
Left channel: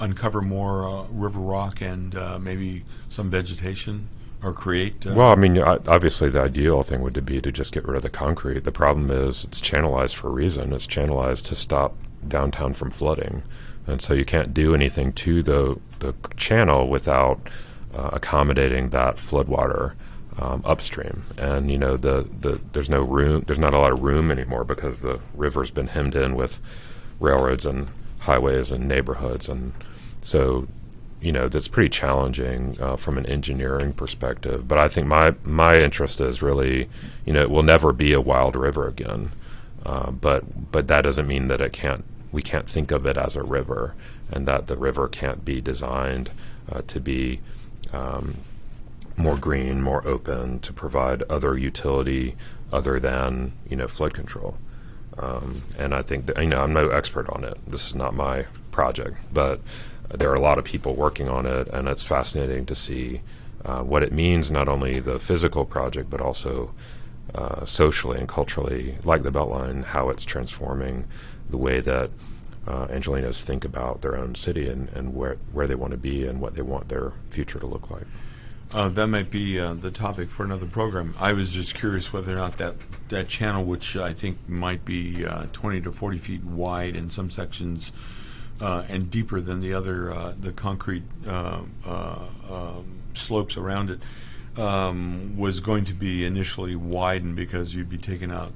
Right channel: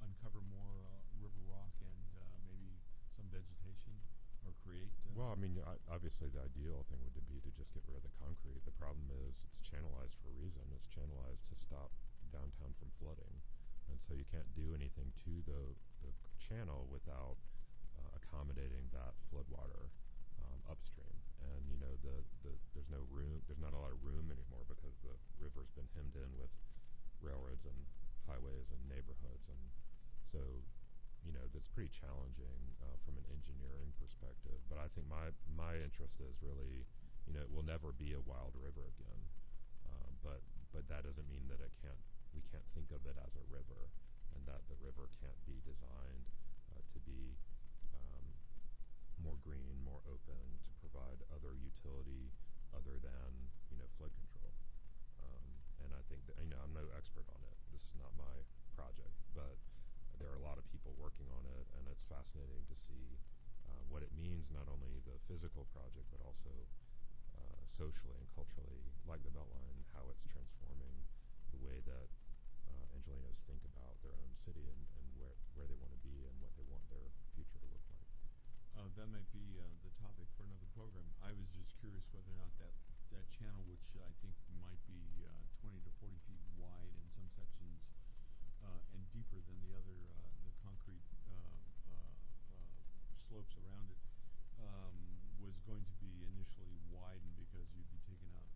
uncover more river rock and maybe some vegetation? Or create? Well, I mean, obviously the ideal thing would be to just get rid of the concrete. The problem is it's channelized for a reason. It's channelized to stop downtown from flooding. And so you can't do anything to the channel without accommodating that floodwater upstream. And there's no room. There's not a lot of room anymore because the river's been hemmed in with railroads and highways and neighborhoods, and so that's pretty challenging from an engineering perspective. But I think my interest is really, it will never be a wild river again. But that doesn't mean that we can't think of it as a river, and that the river can't be designed to be more green, more open, to provide other utility other than flood control. And I think that, I'm no expert on it. This is not my project, but there are a lot of people working on it, and it's fascinating to see what it means, not only the physical project, but also socially and culturally, like the Beltline, how it's transforming the way that Angelenos think about their own city and where they want to be and what they want their future to look like. That might be the topic for another program. I was just curious whether or not that channel, which I think might be 20 to 40 feet wide in some sections and deeper than the other, the concrete slopes around it, was going to be initially widened because you'd be taking out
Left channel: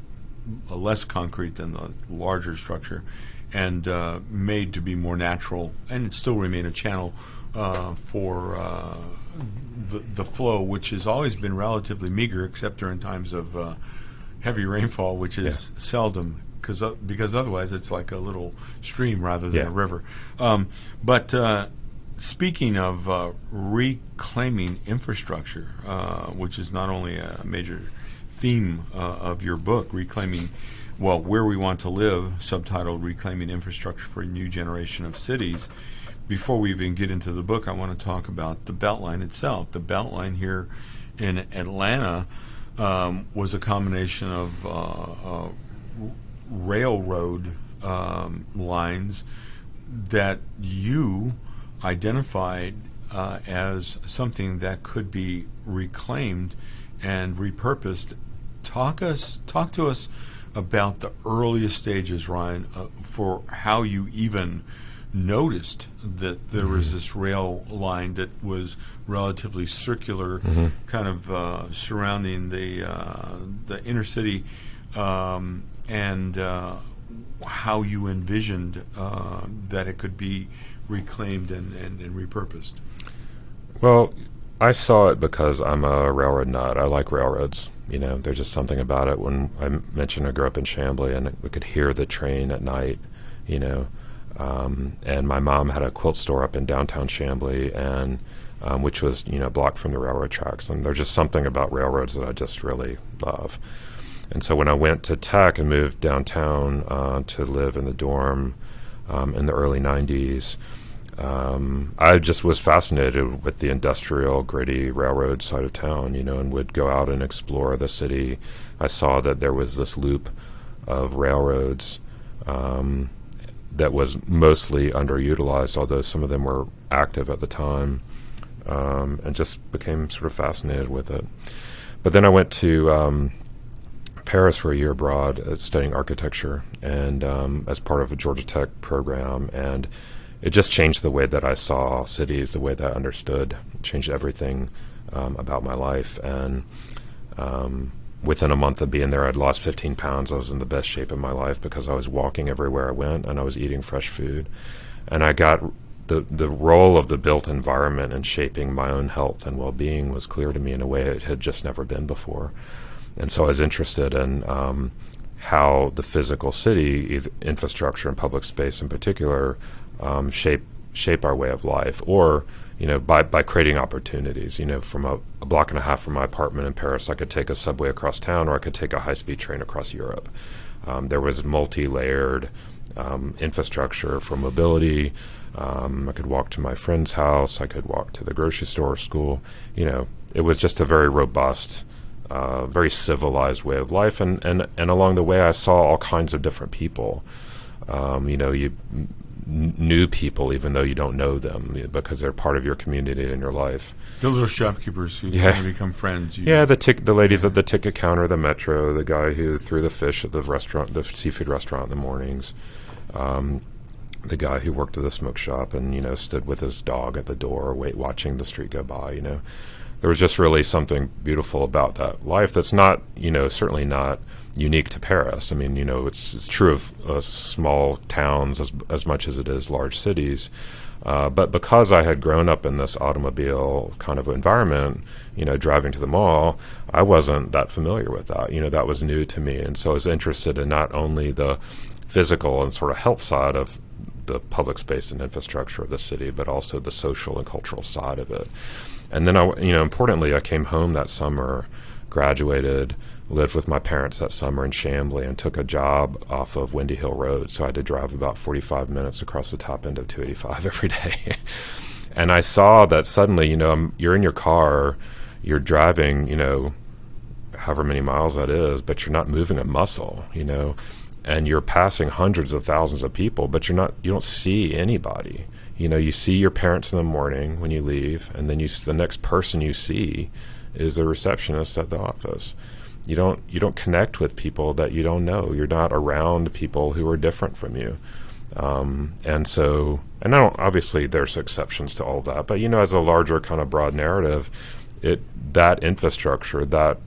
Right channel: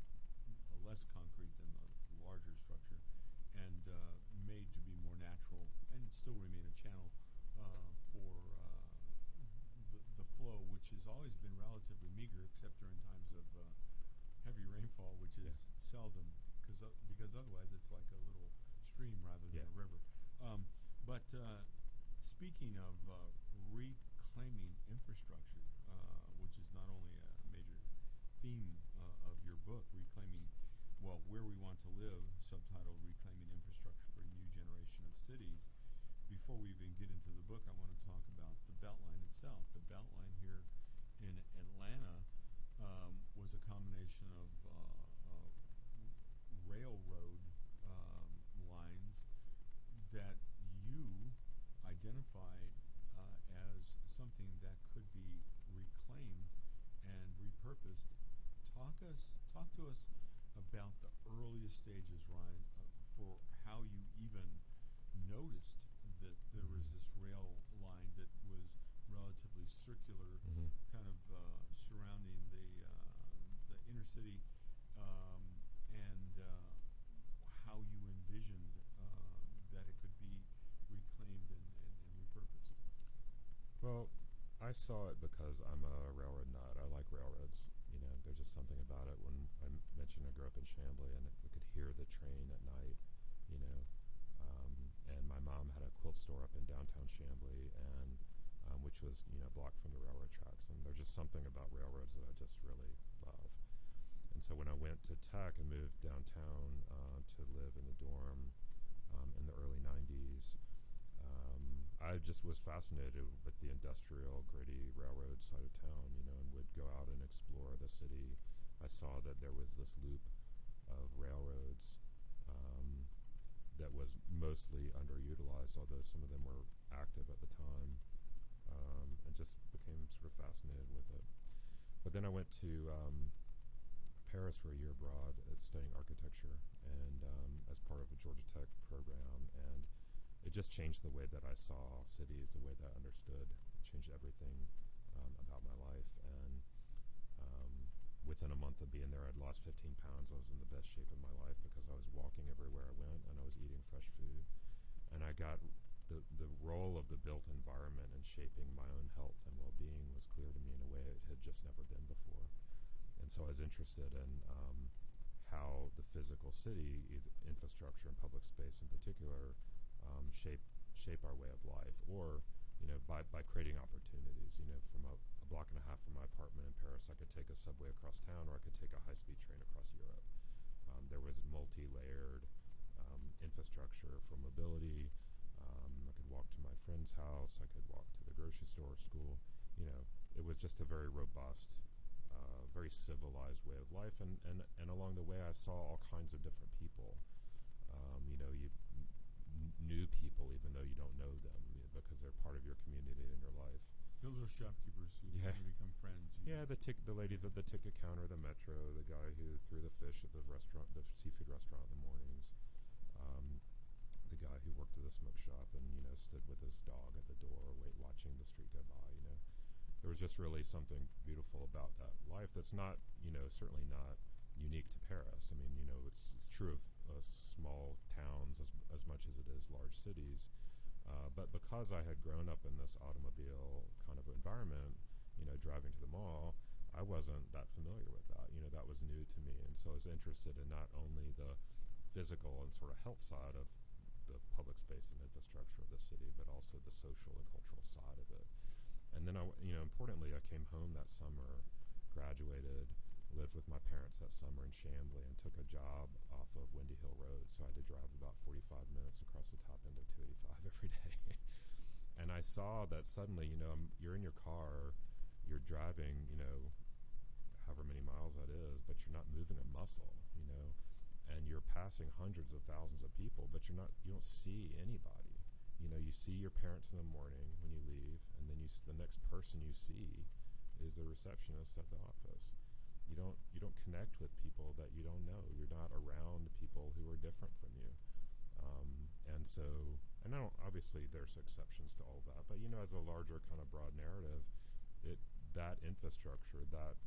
less concrete than the larger structure, and made to be more natural and still remain a channel for the flow, which has always been relatively meager, except during times of heavy rainfall, which is seldom, because otherwise it's like a little stream rather than a river. But speaking of reclaiming infrastructure, which is not only a major theme of your book, reclaiming, where we want to live, subtitled Reclaiming Infrastructure for a New Generation of Cities. Before we even get into the book, I want to talk about the Beltline itself. The Beltline here in Atlanta was a combination of railroad lines that you identified as something that could be reclaimed and repurposed. Talk to us about the earliest stages, Ryan, for how you even noticed that there was this rail line that was relatively circular, kind of surrounding the inner city, and how you envisioned that it could be reclaimed and repurposed. Well, I saw it because I'm a railroad nut. I like railroads. There's just something about it. When I mentioned I grew up in Chamblee, and we could hear the train at night, and my mom had a quilt store up in downtown Chamblee, and which was blocked from the railroad tracks. And there's just something about railroads that I just really love. And so when I went to Tech and moved downtown to live in the dorm in the early 90s, I just was fascinated with the industrial, gritty railroad side of town, and would go out and explore the city. I saw that there was this loop of railroads that was mostly underutilized, although some of them were active at the time, and just became sort of fascinated with it. But then I went to Paris for a year abroad studying architecture, and as part of a Georgia Tech program, and it just changed the way that I saw cities, the way that I understood. It changed everything about my life. And within a month of being there, I'd lost 15 pounds. I was in the best shape of my life because I was walking everywhere I went, and I was eating fresh food. And I got the role of the built environment in shaping my own health and well-being was clear to me in a way it had just never been before. And so I was interested in how the physical city, infrastructure and public space in particular, shape our way of life, or by creating opportunities. From a block and a half from my apartment in Paris, I could take a subway across town, or I could take a high-speed train across Europe. There was multi-layered infrastructure for mobility. I could walk to my friend's house. I could walk to the grocery store or school. It was just a very robust, very civilized way of life. And along the way, I saw all kinds of different people. You new people, even though you don't know them, because they're part of your community and your life. The little shopkeepers who kind of become friends. The ladies at the ticket counter, the metro, the guy who threw the fish at the restaurant, the seafood restaurant in the mornings. the guy who worked at the smoke shop and, stood with his dog at the door, watching the street go by, There was just really something beautiful about that life that's not, certainly not unique to Paris. I mean, it's true of small towns as much as it is large cities. But because I had grown up in this automobile kind of environment, driving to the mall, I wasn't that familiar with that. That was new to me. And so I was interested in not only the physical and sort of health side of the public space and infrastructure of the city, but also the social and cultural side of it. And then, importantly, I came home that summer, graduated, lived with my parents that summer in Chambly, and took a job off of Windy Hill Road. So I had to drive about 45 minutes across the top end of 285 every day. And I saw that suddenly, you're in your car, you're driving, however many miles that is, but you're not moving a muscle, and you're passing hundreds of thousands of people, but you don't see anybody. You see your parents in the morning when you leave, and then the next person you see is the receptionist at the office. You don't connect with people that you don't know. You're not around people who are different from you. Obviously there's exceptions to all that, but as a larger kind of broad narrative, that infrastructure, that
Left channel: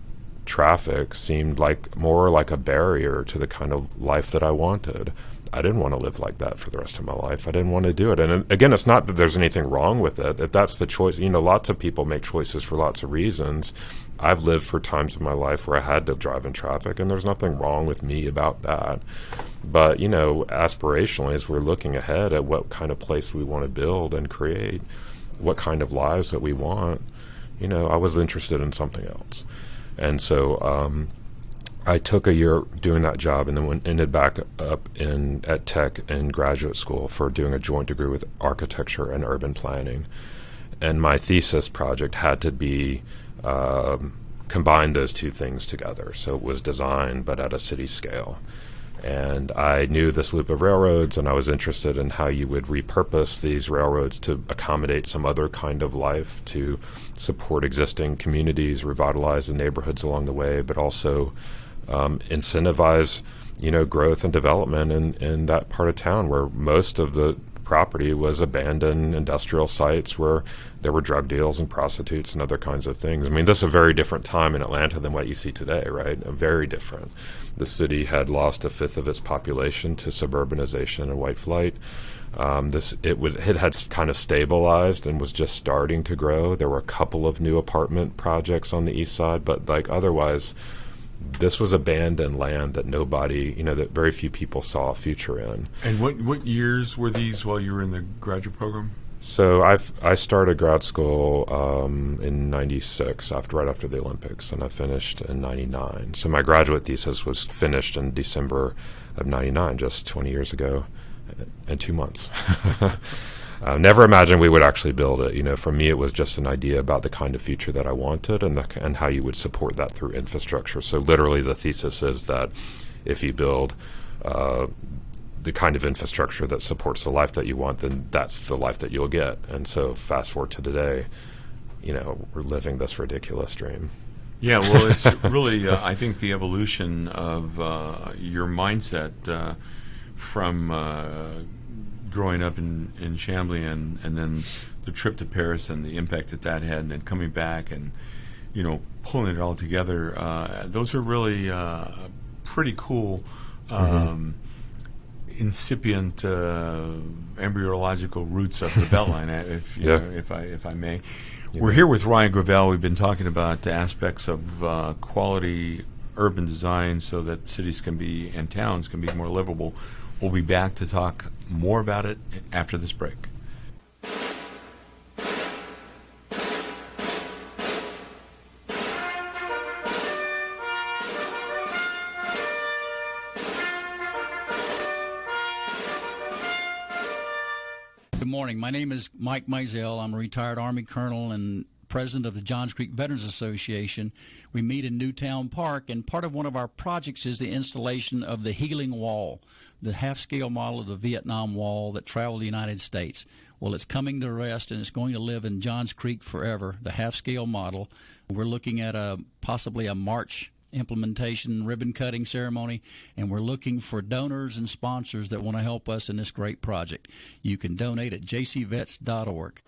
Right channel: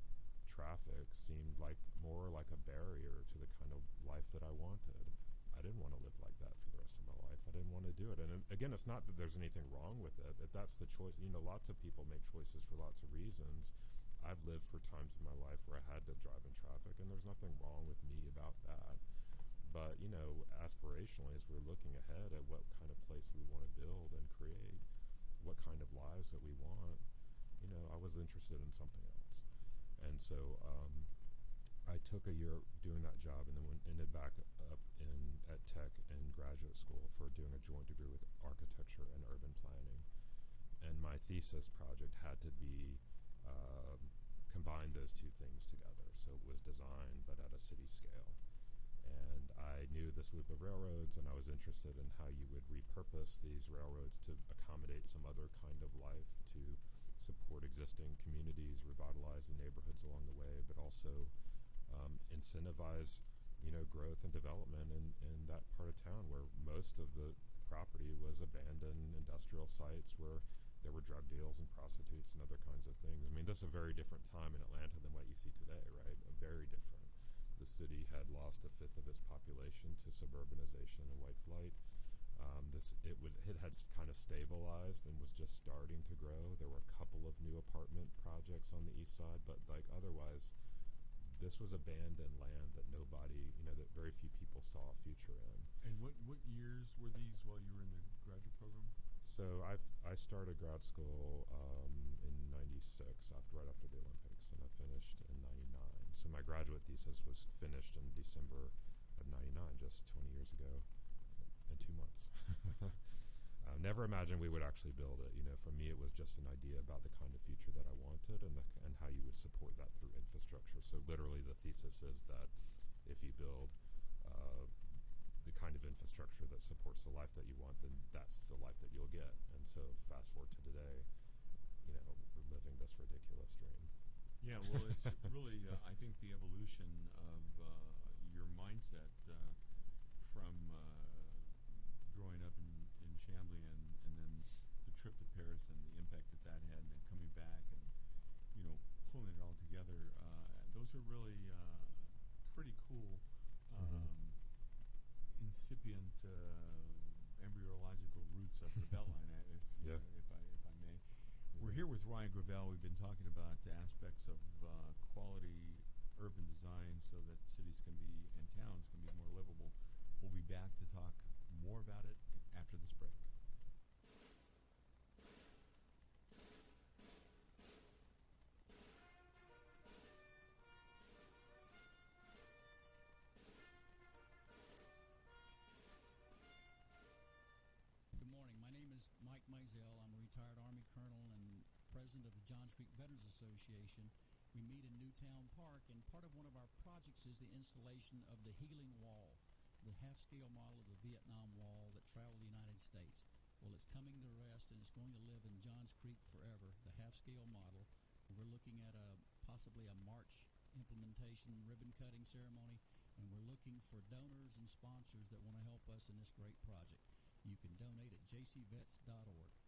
traffic seemed more like a barrier to the kind of life that I wanted. I didn't want to live like that for the rest of my life. I didn't want to do it. And again, it's not that there's anything wrong with it. If that's the choice, lots of people make choices for lots of reasons. I've lived for times in my life where I had to drive in traffic, and there's nothing wrong with me about that. But, aspirationally, as we're looking ahead at what kind of place we want to build and create, what kind of lives that we want, I was interested in something else. And so I took a year doing that job, and then ended back up at Tech in graduate school for doing a joint degree with architecture and urban planning. And my thesis project had to be combine those two things together. So it was design, but at a city scale. And I knew this loop of railroads, and I was interested in how you would repurpose these railroads to accommodate some other kind of life, to support existing communities, revitalize the neighborhoods along the way, but also incentivize, growth and development in that part of town where most of the property was abandoned industrial sites where there were drug deals and prostitutes and other kinds of things. I mean, this is a very different time in Atlanta than what you see today, right? Very different. The city had lost a fifth of its population to suburbanization and white flight. It had kind of stabilized and was just starting to grow. There were a couple of new apartment projects on the east side, but otherwise, this was abandoned land that nobody, that very few people saw a future in. And what years were these while you were in the graduate program? So I started grad school in '96, right after the Olympics, and I finished in '99. So my graduate thesis was finished in December of '99, just 20 years ago, and 2 months. Never imagined we would actually build it. For me, it was just an idea about the kind of future that I wanted and how you would support that through infrastructure. So literally the thesis is that if you build the kind of infrastructure that supports the life that you want, then that's the life that you'll get. And so fast forward to today, we're living this ridiculous dream. Yeah, well, it's really, I think, the evolution of your mindset from growing up in Chambly and then the trip to Paris and the impact that had, and then coming back and, pulling it all together. Those are really pretty cool, incipient embryological roots of the Beltline, if I may. Yeah. We're here with Ryan Gravel. We've been talking about the aspects of quality urban design so that cities and towns can be more livable. We'll be back to talk more about it after this break. Good morning. My name is Mike Mizell. I'm a retired Army colonel and president of the Johns Creek Veterans Association. We meet in Newtown Park, and part of one of our projects is the installation of the Healing Wall, the half-scale model of the Vietnam Wall that traveled the United States. Well, it's coming to rest, and it's going to live in Johns Creek forever, the half-scale model. We're looking at possibly a March implementation, ribbon cutting ceremony, and we're looking for donors and sponsors that want to help us in this great project. You can donate at jcvets.org.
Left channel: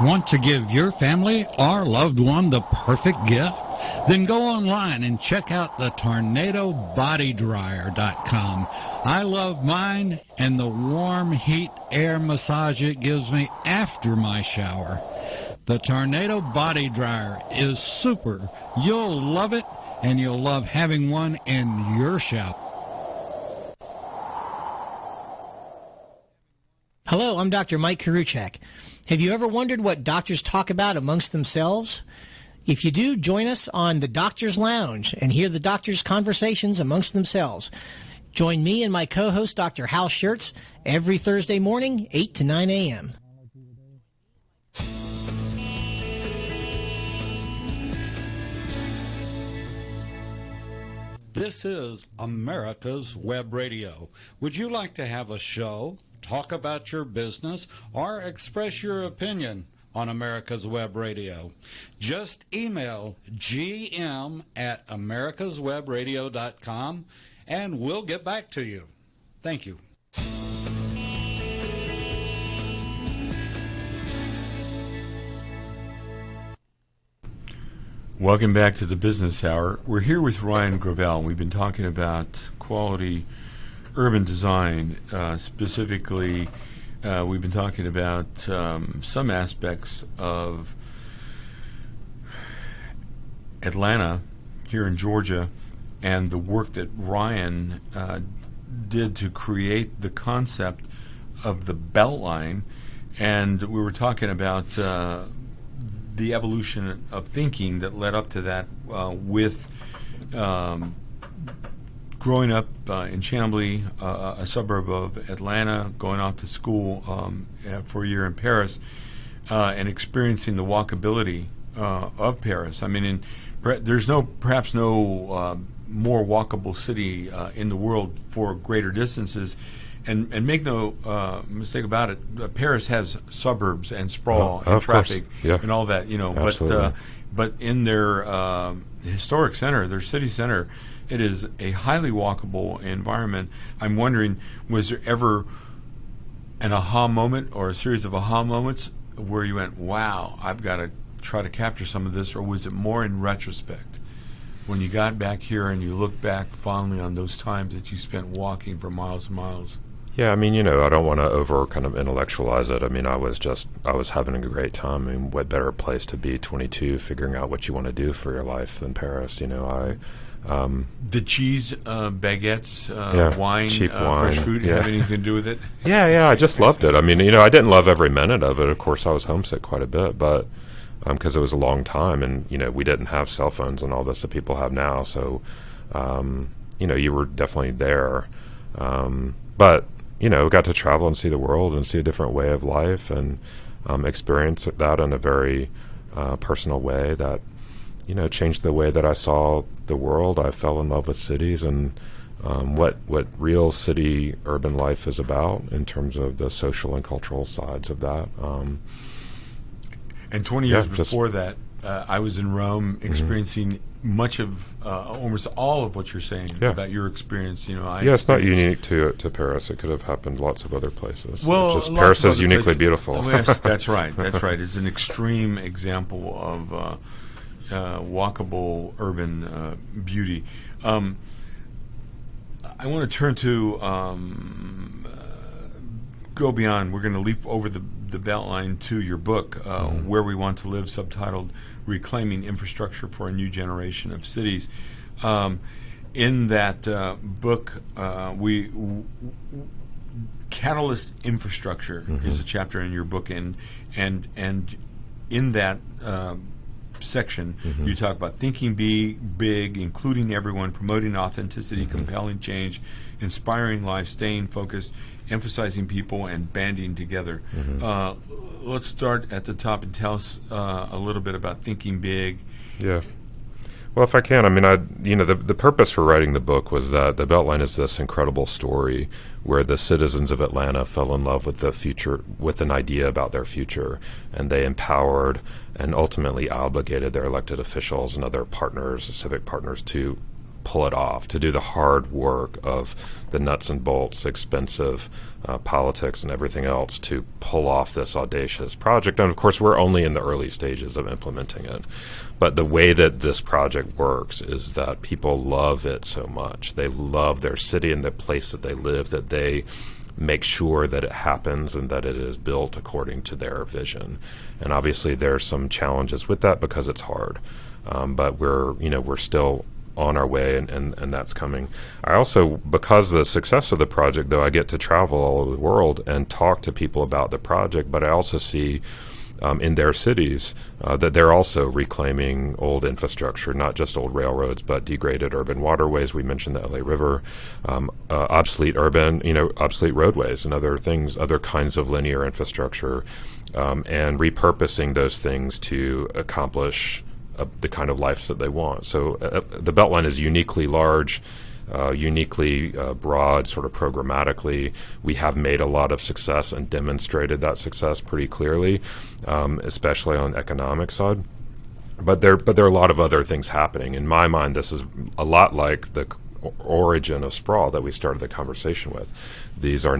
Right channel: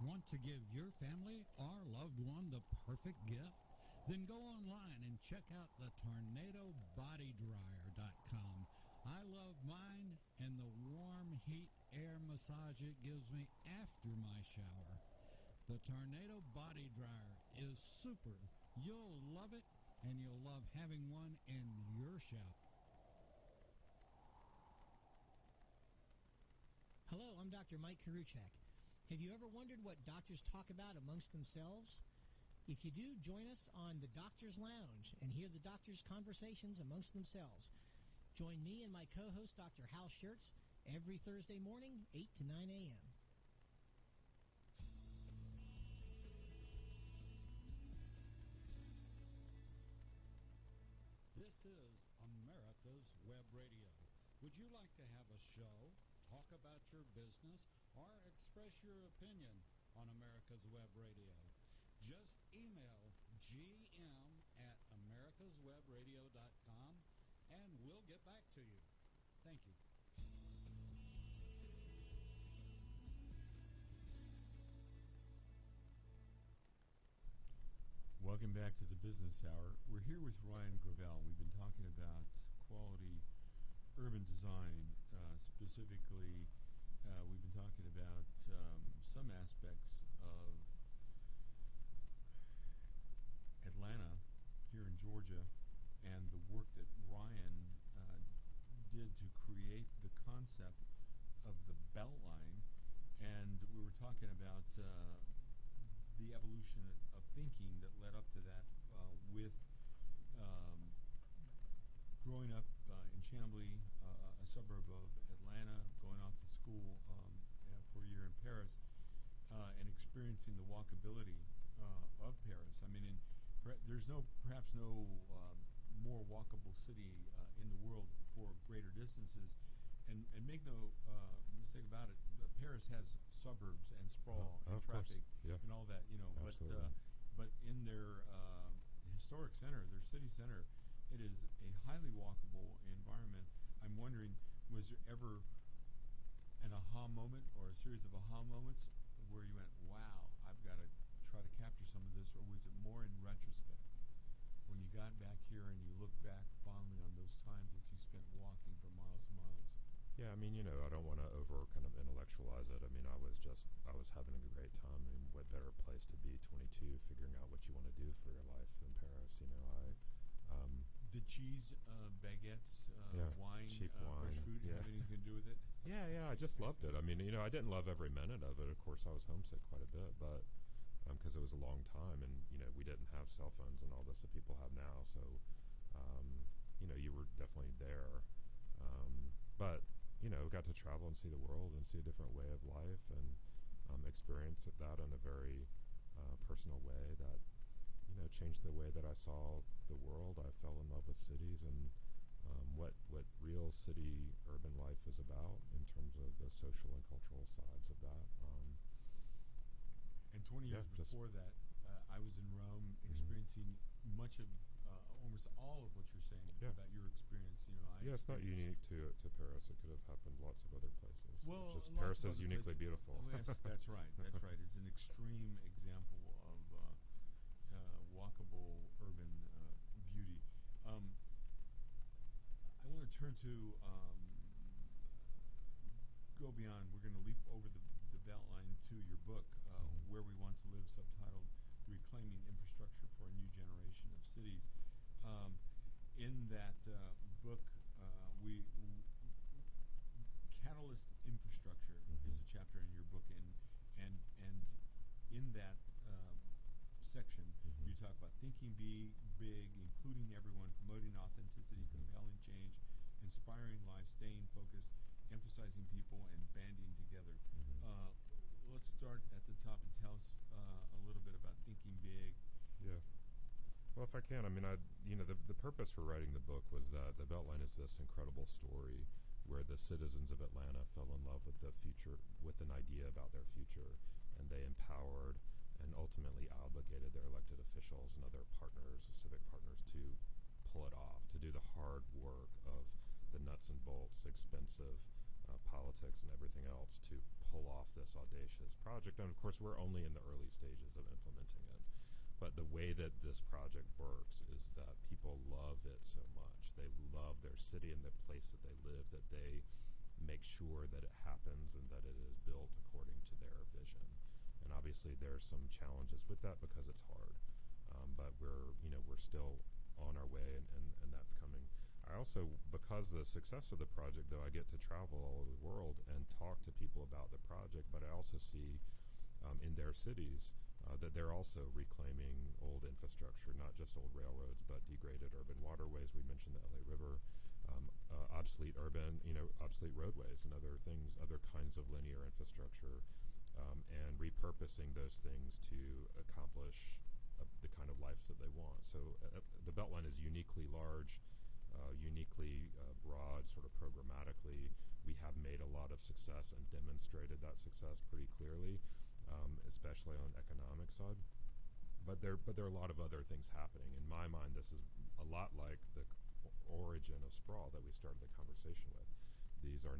Want to give your family or loved one the perfect gift? Then go online and check out the tornadobodydryer.com. I love mine and the warm heat air massage it gives me after my shower. The Tornado Body Dryer is super. You'll love it, and you'll love having one in your shower. Hello, I'm Dr. Mike Karuchak. Have you ever wondered what doctors talk about amongst themselves? If you do, join us on the Doctor's Lounge and hear the doctors' conversations amongst themselves. Join me and my co-host, Dr. Hal Schertz, every Thursday morning, 8 to 9 a.m. This is America's Web Radio. Would you like to have a show, talk about your business, or express your opinion on America's Web Radio? Just email gm@americaswebradio.com and we'll get back to you. Thank you. Welcome back to the Business Hour. We're here with Ryan Gravel. We've been talking about quality urban design. Specifically, we've been talking about some aspects of Atlanta here in Georgia and the work that Ryan did to create the concept of the Beltline. And we were talking about the evolution of thinking that led up to that with growing up in Chambly, a suburb of Atlanta, going off to school for a year in Paris, and experiencing the walkability of Paris. I mean, there's perhaps no more walkable city in the world for greater distances. And make no mistake about it, Paris has suburbs and sprawl and traffic and all that, but in their historic center, their city center, it is a highly walkable environment. I'm wondering, was there ever an aha moment or a series of aha moments where you went, wow, I've got to try to capture some of this, or was it more in retrospect when you got back here and you look back fondly on those times that you spent walking for miles and miles? Yeah, I mean, I don't want to over kind of intellectualize it. I mean, I was having a great time. I mean, what better place to be 22 figuring out what you want to do for your life than Paris? The cheese, baguettes, wine, cheap wine, fresh food, have anything to do with it? Yeah, I just loved it. I mean, I didn't love every minute of it. Of course, I was homesick quite a bit, but because it was a long time, and we didn't have cell phones and all this that people have now. So, you were definitely there, but got to travel and see the world and see a different way of life and experience that in a very personal way that, changed the way that I saw the world. I fell in love with cities and what real city urban life is about in terms of the social and cultural sides of that. And 20 years before that, I was in Rome experiencing much of almost all of what you're saying about your experience. It's not unique to Paris. It could have happened lots of other places. Well, just Paris is uniquely beautiful. Oh, yes, that's right. That's right. It's an extreme example of walkable urban beauty. I want to turn to go beyond. We're going to leap over the Beltline to your book, Where We Want to Live, subtitled Reclaiming Infrastructure for a New Generation of Cities. In that book, catalyst infrastructure is a chapter in your book, and in that section, you talk about thinking big, including everyone, promoting authenticity, compelling change, inspiring life, staying focused, emphasizing people, and banding together. Let's start at the top and tell us a little bit about thinking big. Yeah. Well, if I can, I mean, the purpose for writing the book was that the Beltline is this incredible story where the citizens of Atlanta fell in love with the future, with an idea about their future, and they empowered and ultimately obligated their elected officials and other partners, civic partners, to pull it off, to do the hard work of the nuts and bolts, expensive politics and everything else to pull off this audacious project. And of course, we're only in the early stages of implementing it. But the way that this project works is that people love it so much. They love their city and the place that they live, that they make sure that it happens and that it is built according to their vision. And obviously there's some challenges with that because it's hard. But we're still on our way, and that's coming. I also, because of the success of the project, though, I get to travel all over the world and talk to people about the project, but I also see in their cities that they're also reclaiming old infrastructure, not just old railroads, but degraded urban waterways. We mentioned the LA River, obsolete roadways and other things, other kinds of linear infrastructure, and repurposing those things to accomplish the kind of lives that they want. So the Beltline is uniquely large, uniquely broad, sort of programmatically. We have made a lot of success and demonstrated that success pretty clearly, especially on the economic side. But there are a lot of other things happening. In my mind, this is a lot like the origin of sprawl that we started the conversation with. These are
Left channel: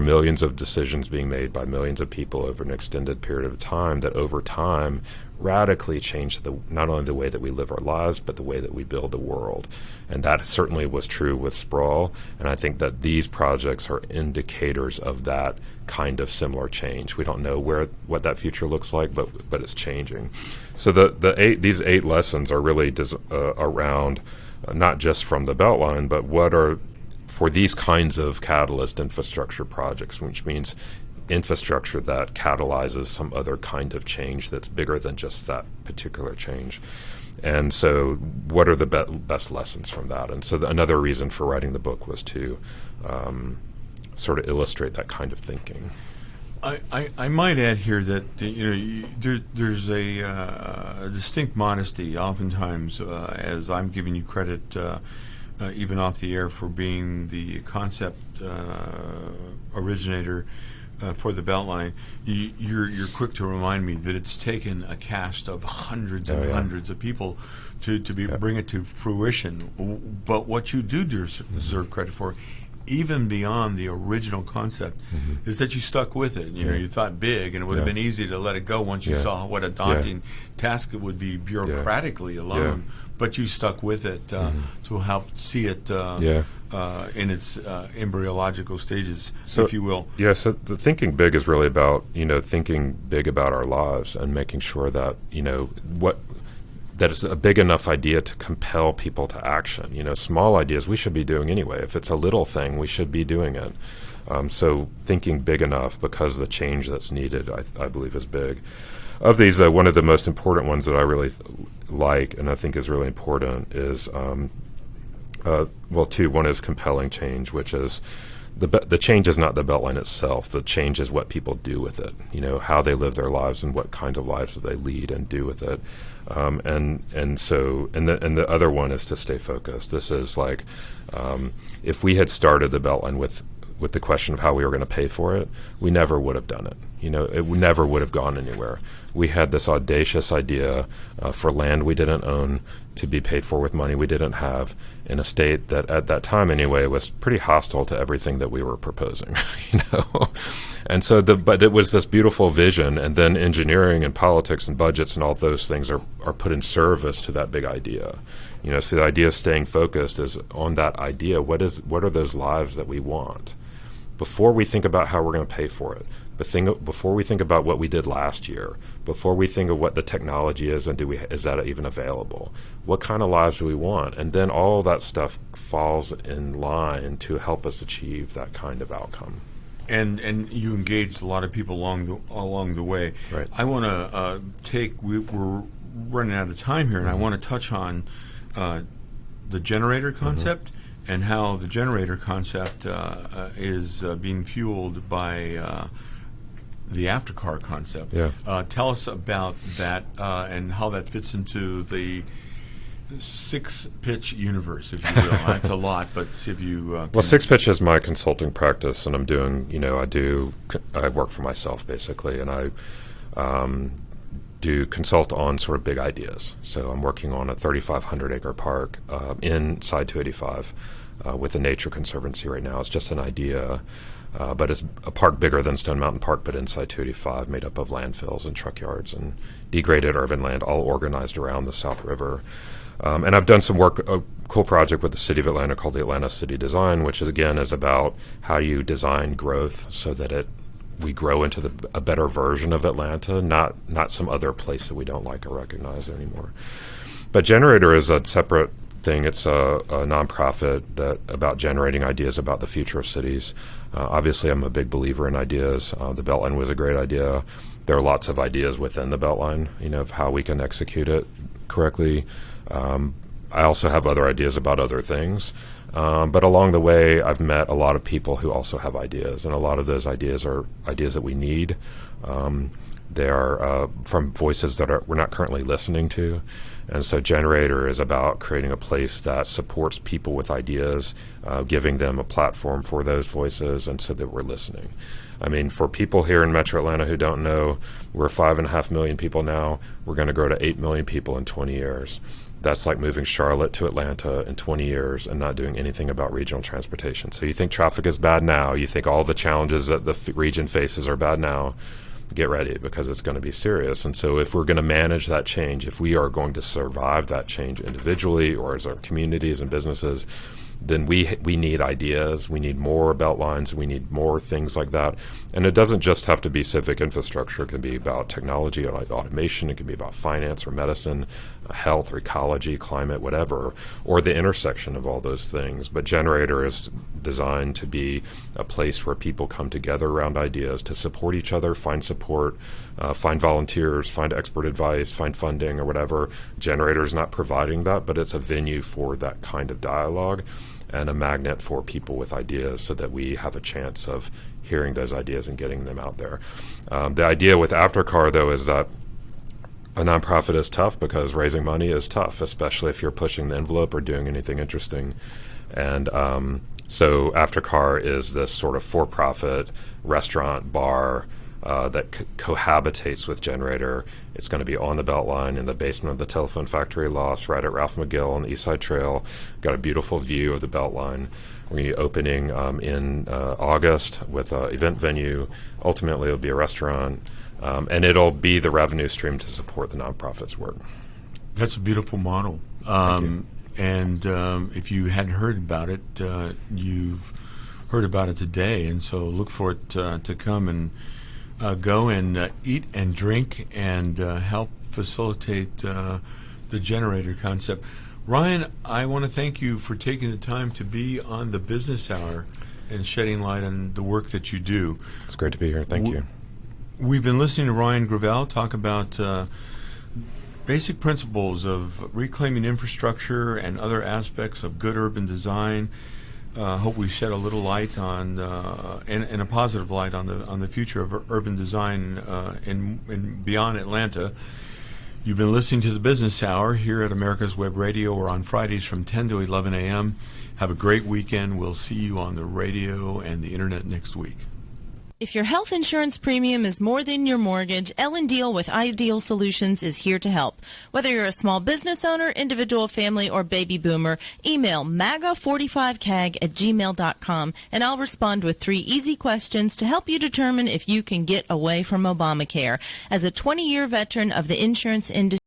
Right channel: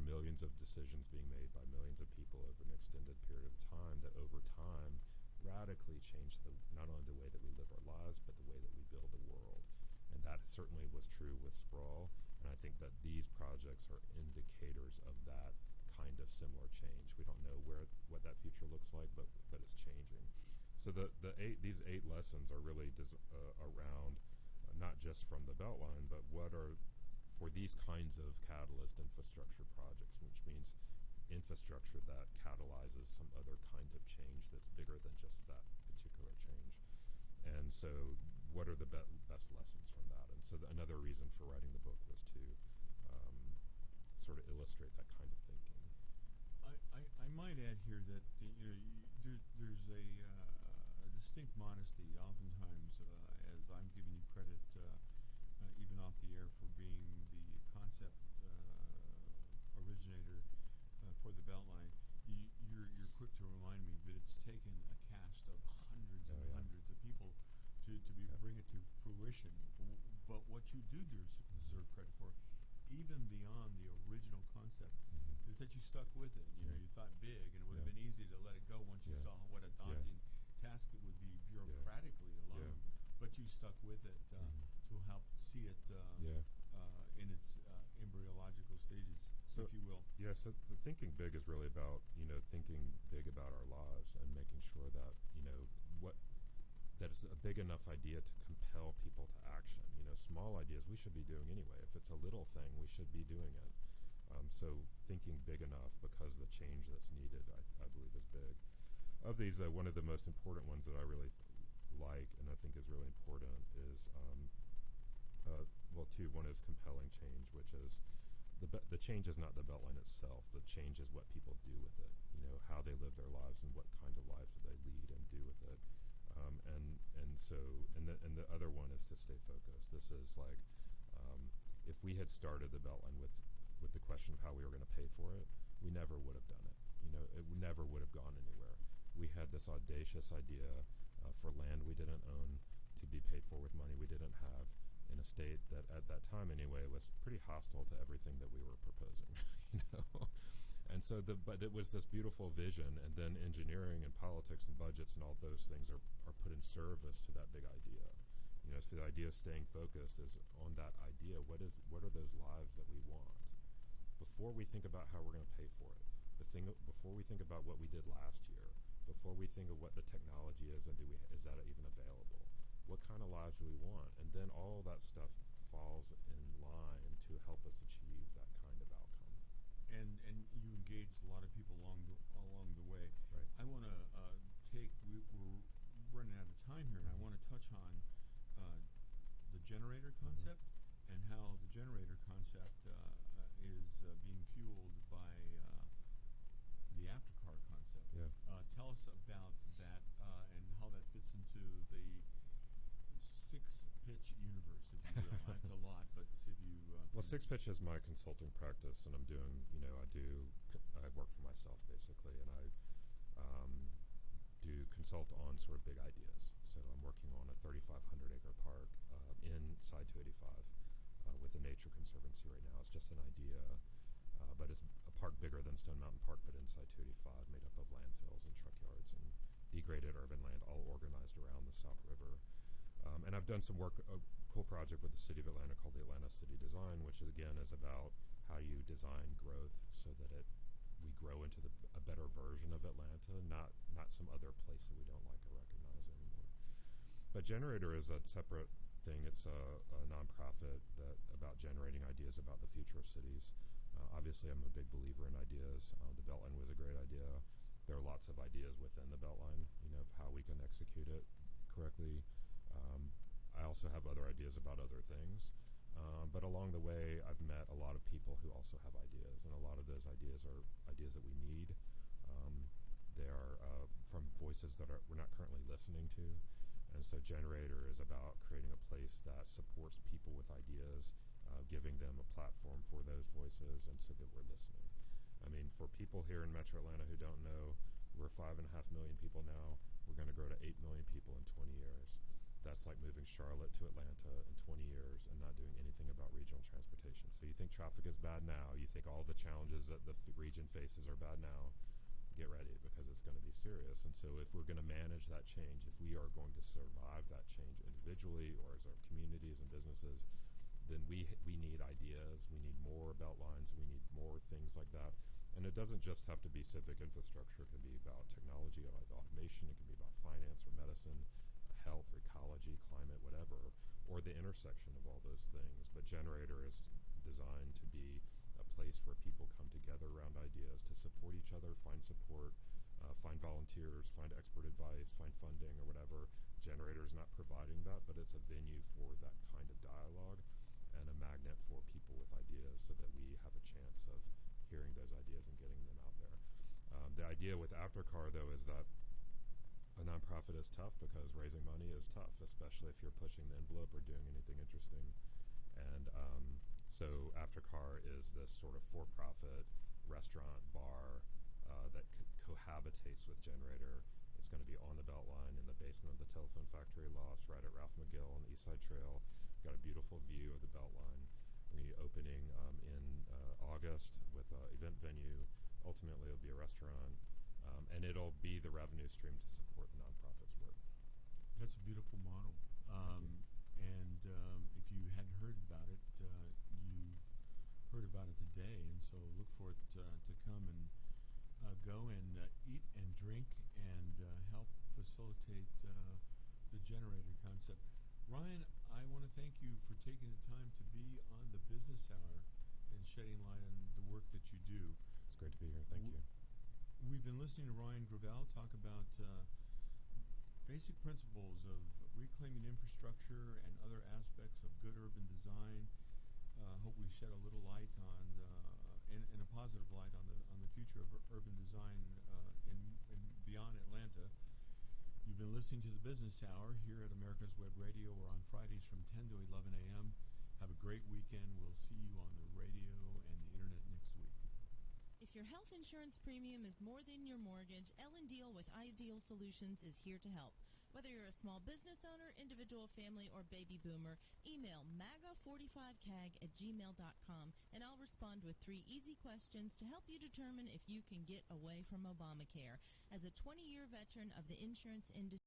millions of decisions being made by millions of people over an extended period of time that over time radically change not only the way that we live our lives, but the way that we build the world. And that certainly was true with sprawl. And I think that these projects are indicators of that kind of similar change. We don't know what that future looks like, but it's changing. So these 8 lessons are really around not just from the Beltline, but what are for these kinds of catalyst infrastructure projects, which means infrastructure that catalyzes some other kind of change that's bigger than just that particular change. And so what are the best lessons from that? And so another reason for writing the book was to sort of illustrate that kind of thinking. I might add here that there's a distinct modesty oftentimes, as I'm giving you credit even off the air for being the concept originator for the Beltline. You're quick to remind me that it's taken a cast of hundreds and hundreds of people to bring it to fruition. But what you do deserve credit for, even beyond the original concept, is that you stuck with it. You thought big, and it would have been easy to let it go once you saw what a daunting task it would be bureaucratically alone. But you stuck with it to help see it in its embryological stages, if you will. Yeah, so the thinking big is really about, thinking big about our lives and making sure that, that it's a big enough idea to compel people to action. Small ideas we should be doing anyway. If it's a little thing, we should be doing it. So thinking big enough, because the change that's needed, I believe, is big. Of these, one of the most important ones that I really like and I think is really important is, two. One is compelling change, which is the change is not the Beltline itself. The change is what people do with it, how they live their lives and what kinds of lives that they lead and do with it. And the other one is to stay focused. This is like, if we had started the Beltline with the question of how we were going to pay for it, we never would have done it. It never would have gone anywhere. We had this audacious idea for land we didn't own to be paid for with money we didn't have in a state that at that time anyway was pretty hostile to everything that we were proposing, And so but it was this beautiful vision, and then engineering and politics and budgets and all those things are put in service to that big idea. So the idea of staying focused is on that idea. What are those lives that we want? Before we think about how we're going to pay for it, before we think about what we did last year, before we think of what the technology is and is that even available, what kind of lives do we want? And then all that stuff falls in line to help us achieve that kind of outcome. And you engaged a lot of people along the way. Right. I want to we're running out of time here, and I want to touch on the generator concept and how the generator concept is being fueled by the aftercar concept. Yeah. Tell us about that and how that fits into the six-pitch universe, if you will. That's a lot, but if you... Well, Six Pitch is my consulting practice, and I'm doing, I work for myself, basically, and I do consult on sort of big ideas. So I'm working on a 3,500-acre park inside 285 with the Nature Conservancy right now. It's just an idea, but it's a park bigger than Stone Mountain Park, but inside 285, made up of landfills and truck yards and degraded urban land, all organized around the South River. And I've done some work, a cool project with the City of Atlanta called the Atlanta City Design, which is about how you design growth so that we grow into a better version of Atlanta, not some other place that we don't like or recognize anymore. But Generator is a separate thing. It's a nonprofit about generating ideas about the future of cities. Obviously, I'm a big believer in ideas. The Beltline was a great idea. There are lots of ideas within the Beltline, of how we can execute it correctly. I also have other ideas about other things. But along the way, I've met a lot of people who also have ideas, and a lot of those ideas are ideas that we need. They are from voices that we're not currently listening to. And so Generator is about creating a place that supports people with ideas, giving them a platform for those voices, and so that we're listening. I mean, for people here in Metro Atlanta who don't know, we're 5.5 million people now. We're going to grow to 8 million people in 20 years. That's like moving Charlotte to Atlanta in 20 years and not doing anything about regional transportation. So you think traffic is bad now, you think all the challenges that the region faces are bad now, get ready, because it's going to be serious. And so if we're going to manage that change, if we are going to survive that change individually or as our communities and businesses, then we need ideas. We need more Beltlines. We need more things like that. And it doesn't just have to be civic infrastructure. It can be about technology or automation. It can be about finance or medicine, health or ecology, climate, whatever, or the intersection of all those things. But Generator is designed to be a place where people come together around ideas to support each other, find support, find volunteers, find expert advice, find funding or whatever. Generator is not providing that, but it's a venue for that kind of dialogue and a magnet for people with ideas so that we have a chance of hearing those ideas and getting them out there. The idea with Aftercar, though, is that a nonprofit is tough because raising money is tough, especially if you're pushing the envelope or doing anything interesting. And so Aftercar is this sort of for-profit restaurant bar that cohabitates with Generator. It's going to be on the Beltline in the basement of the telephone factory loft right at Ralph McGill on the East Side Trail. Got a beautiful view of the Beltline. We're going to be opening in August with an event venue. Ultimately, it'll be a restaurant. And it'll be the revenue stream to support the nonprofit's work. That's a beautiful model. And if you hadn't heard about it, you've heard about it today. And so look for it to come and go and eat and drink and help facilitate the Generator concept. Ryan, I want to thank you for taking the time to be on the Business Hour and shedding light on the work that you do. It's great to be here. Thank you. We've been listening to Ryan Gravel talk about basic principles of reclaiming infrastructure and other aspects of good urban design. Hope we shed a little light on and a positive light on the future of urban design in beyond Atlanta. You've been listening to the Business Hour here at America's Web Radio. We're on Fridays from 10 to 11 a.m. Have a great weekend. We'll see you on the radio and the internet next week. If your health insurance premium is more than your mortgage, Ellen Deal with Ideal Solutions is here to help. Whether you're a small business owner, individual, family, or baby boomer, email maga45cag@gmail.com and I'll respond with 3 easy questions to help you determine if you can get away from Obamacare. As a 20-year veteran of the insurance industry,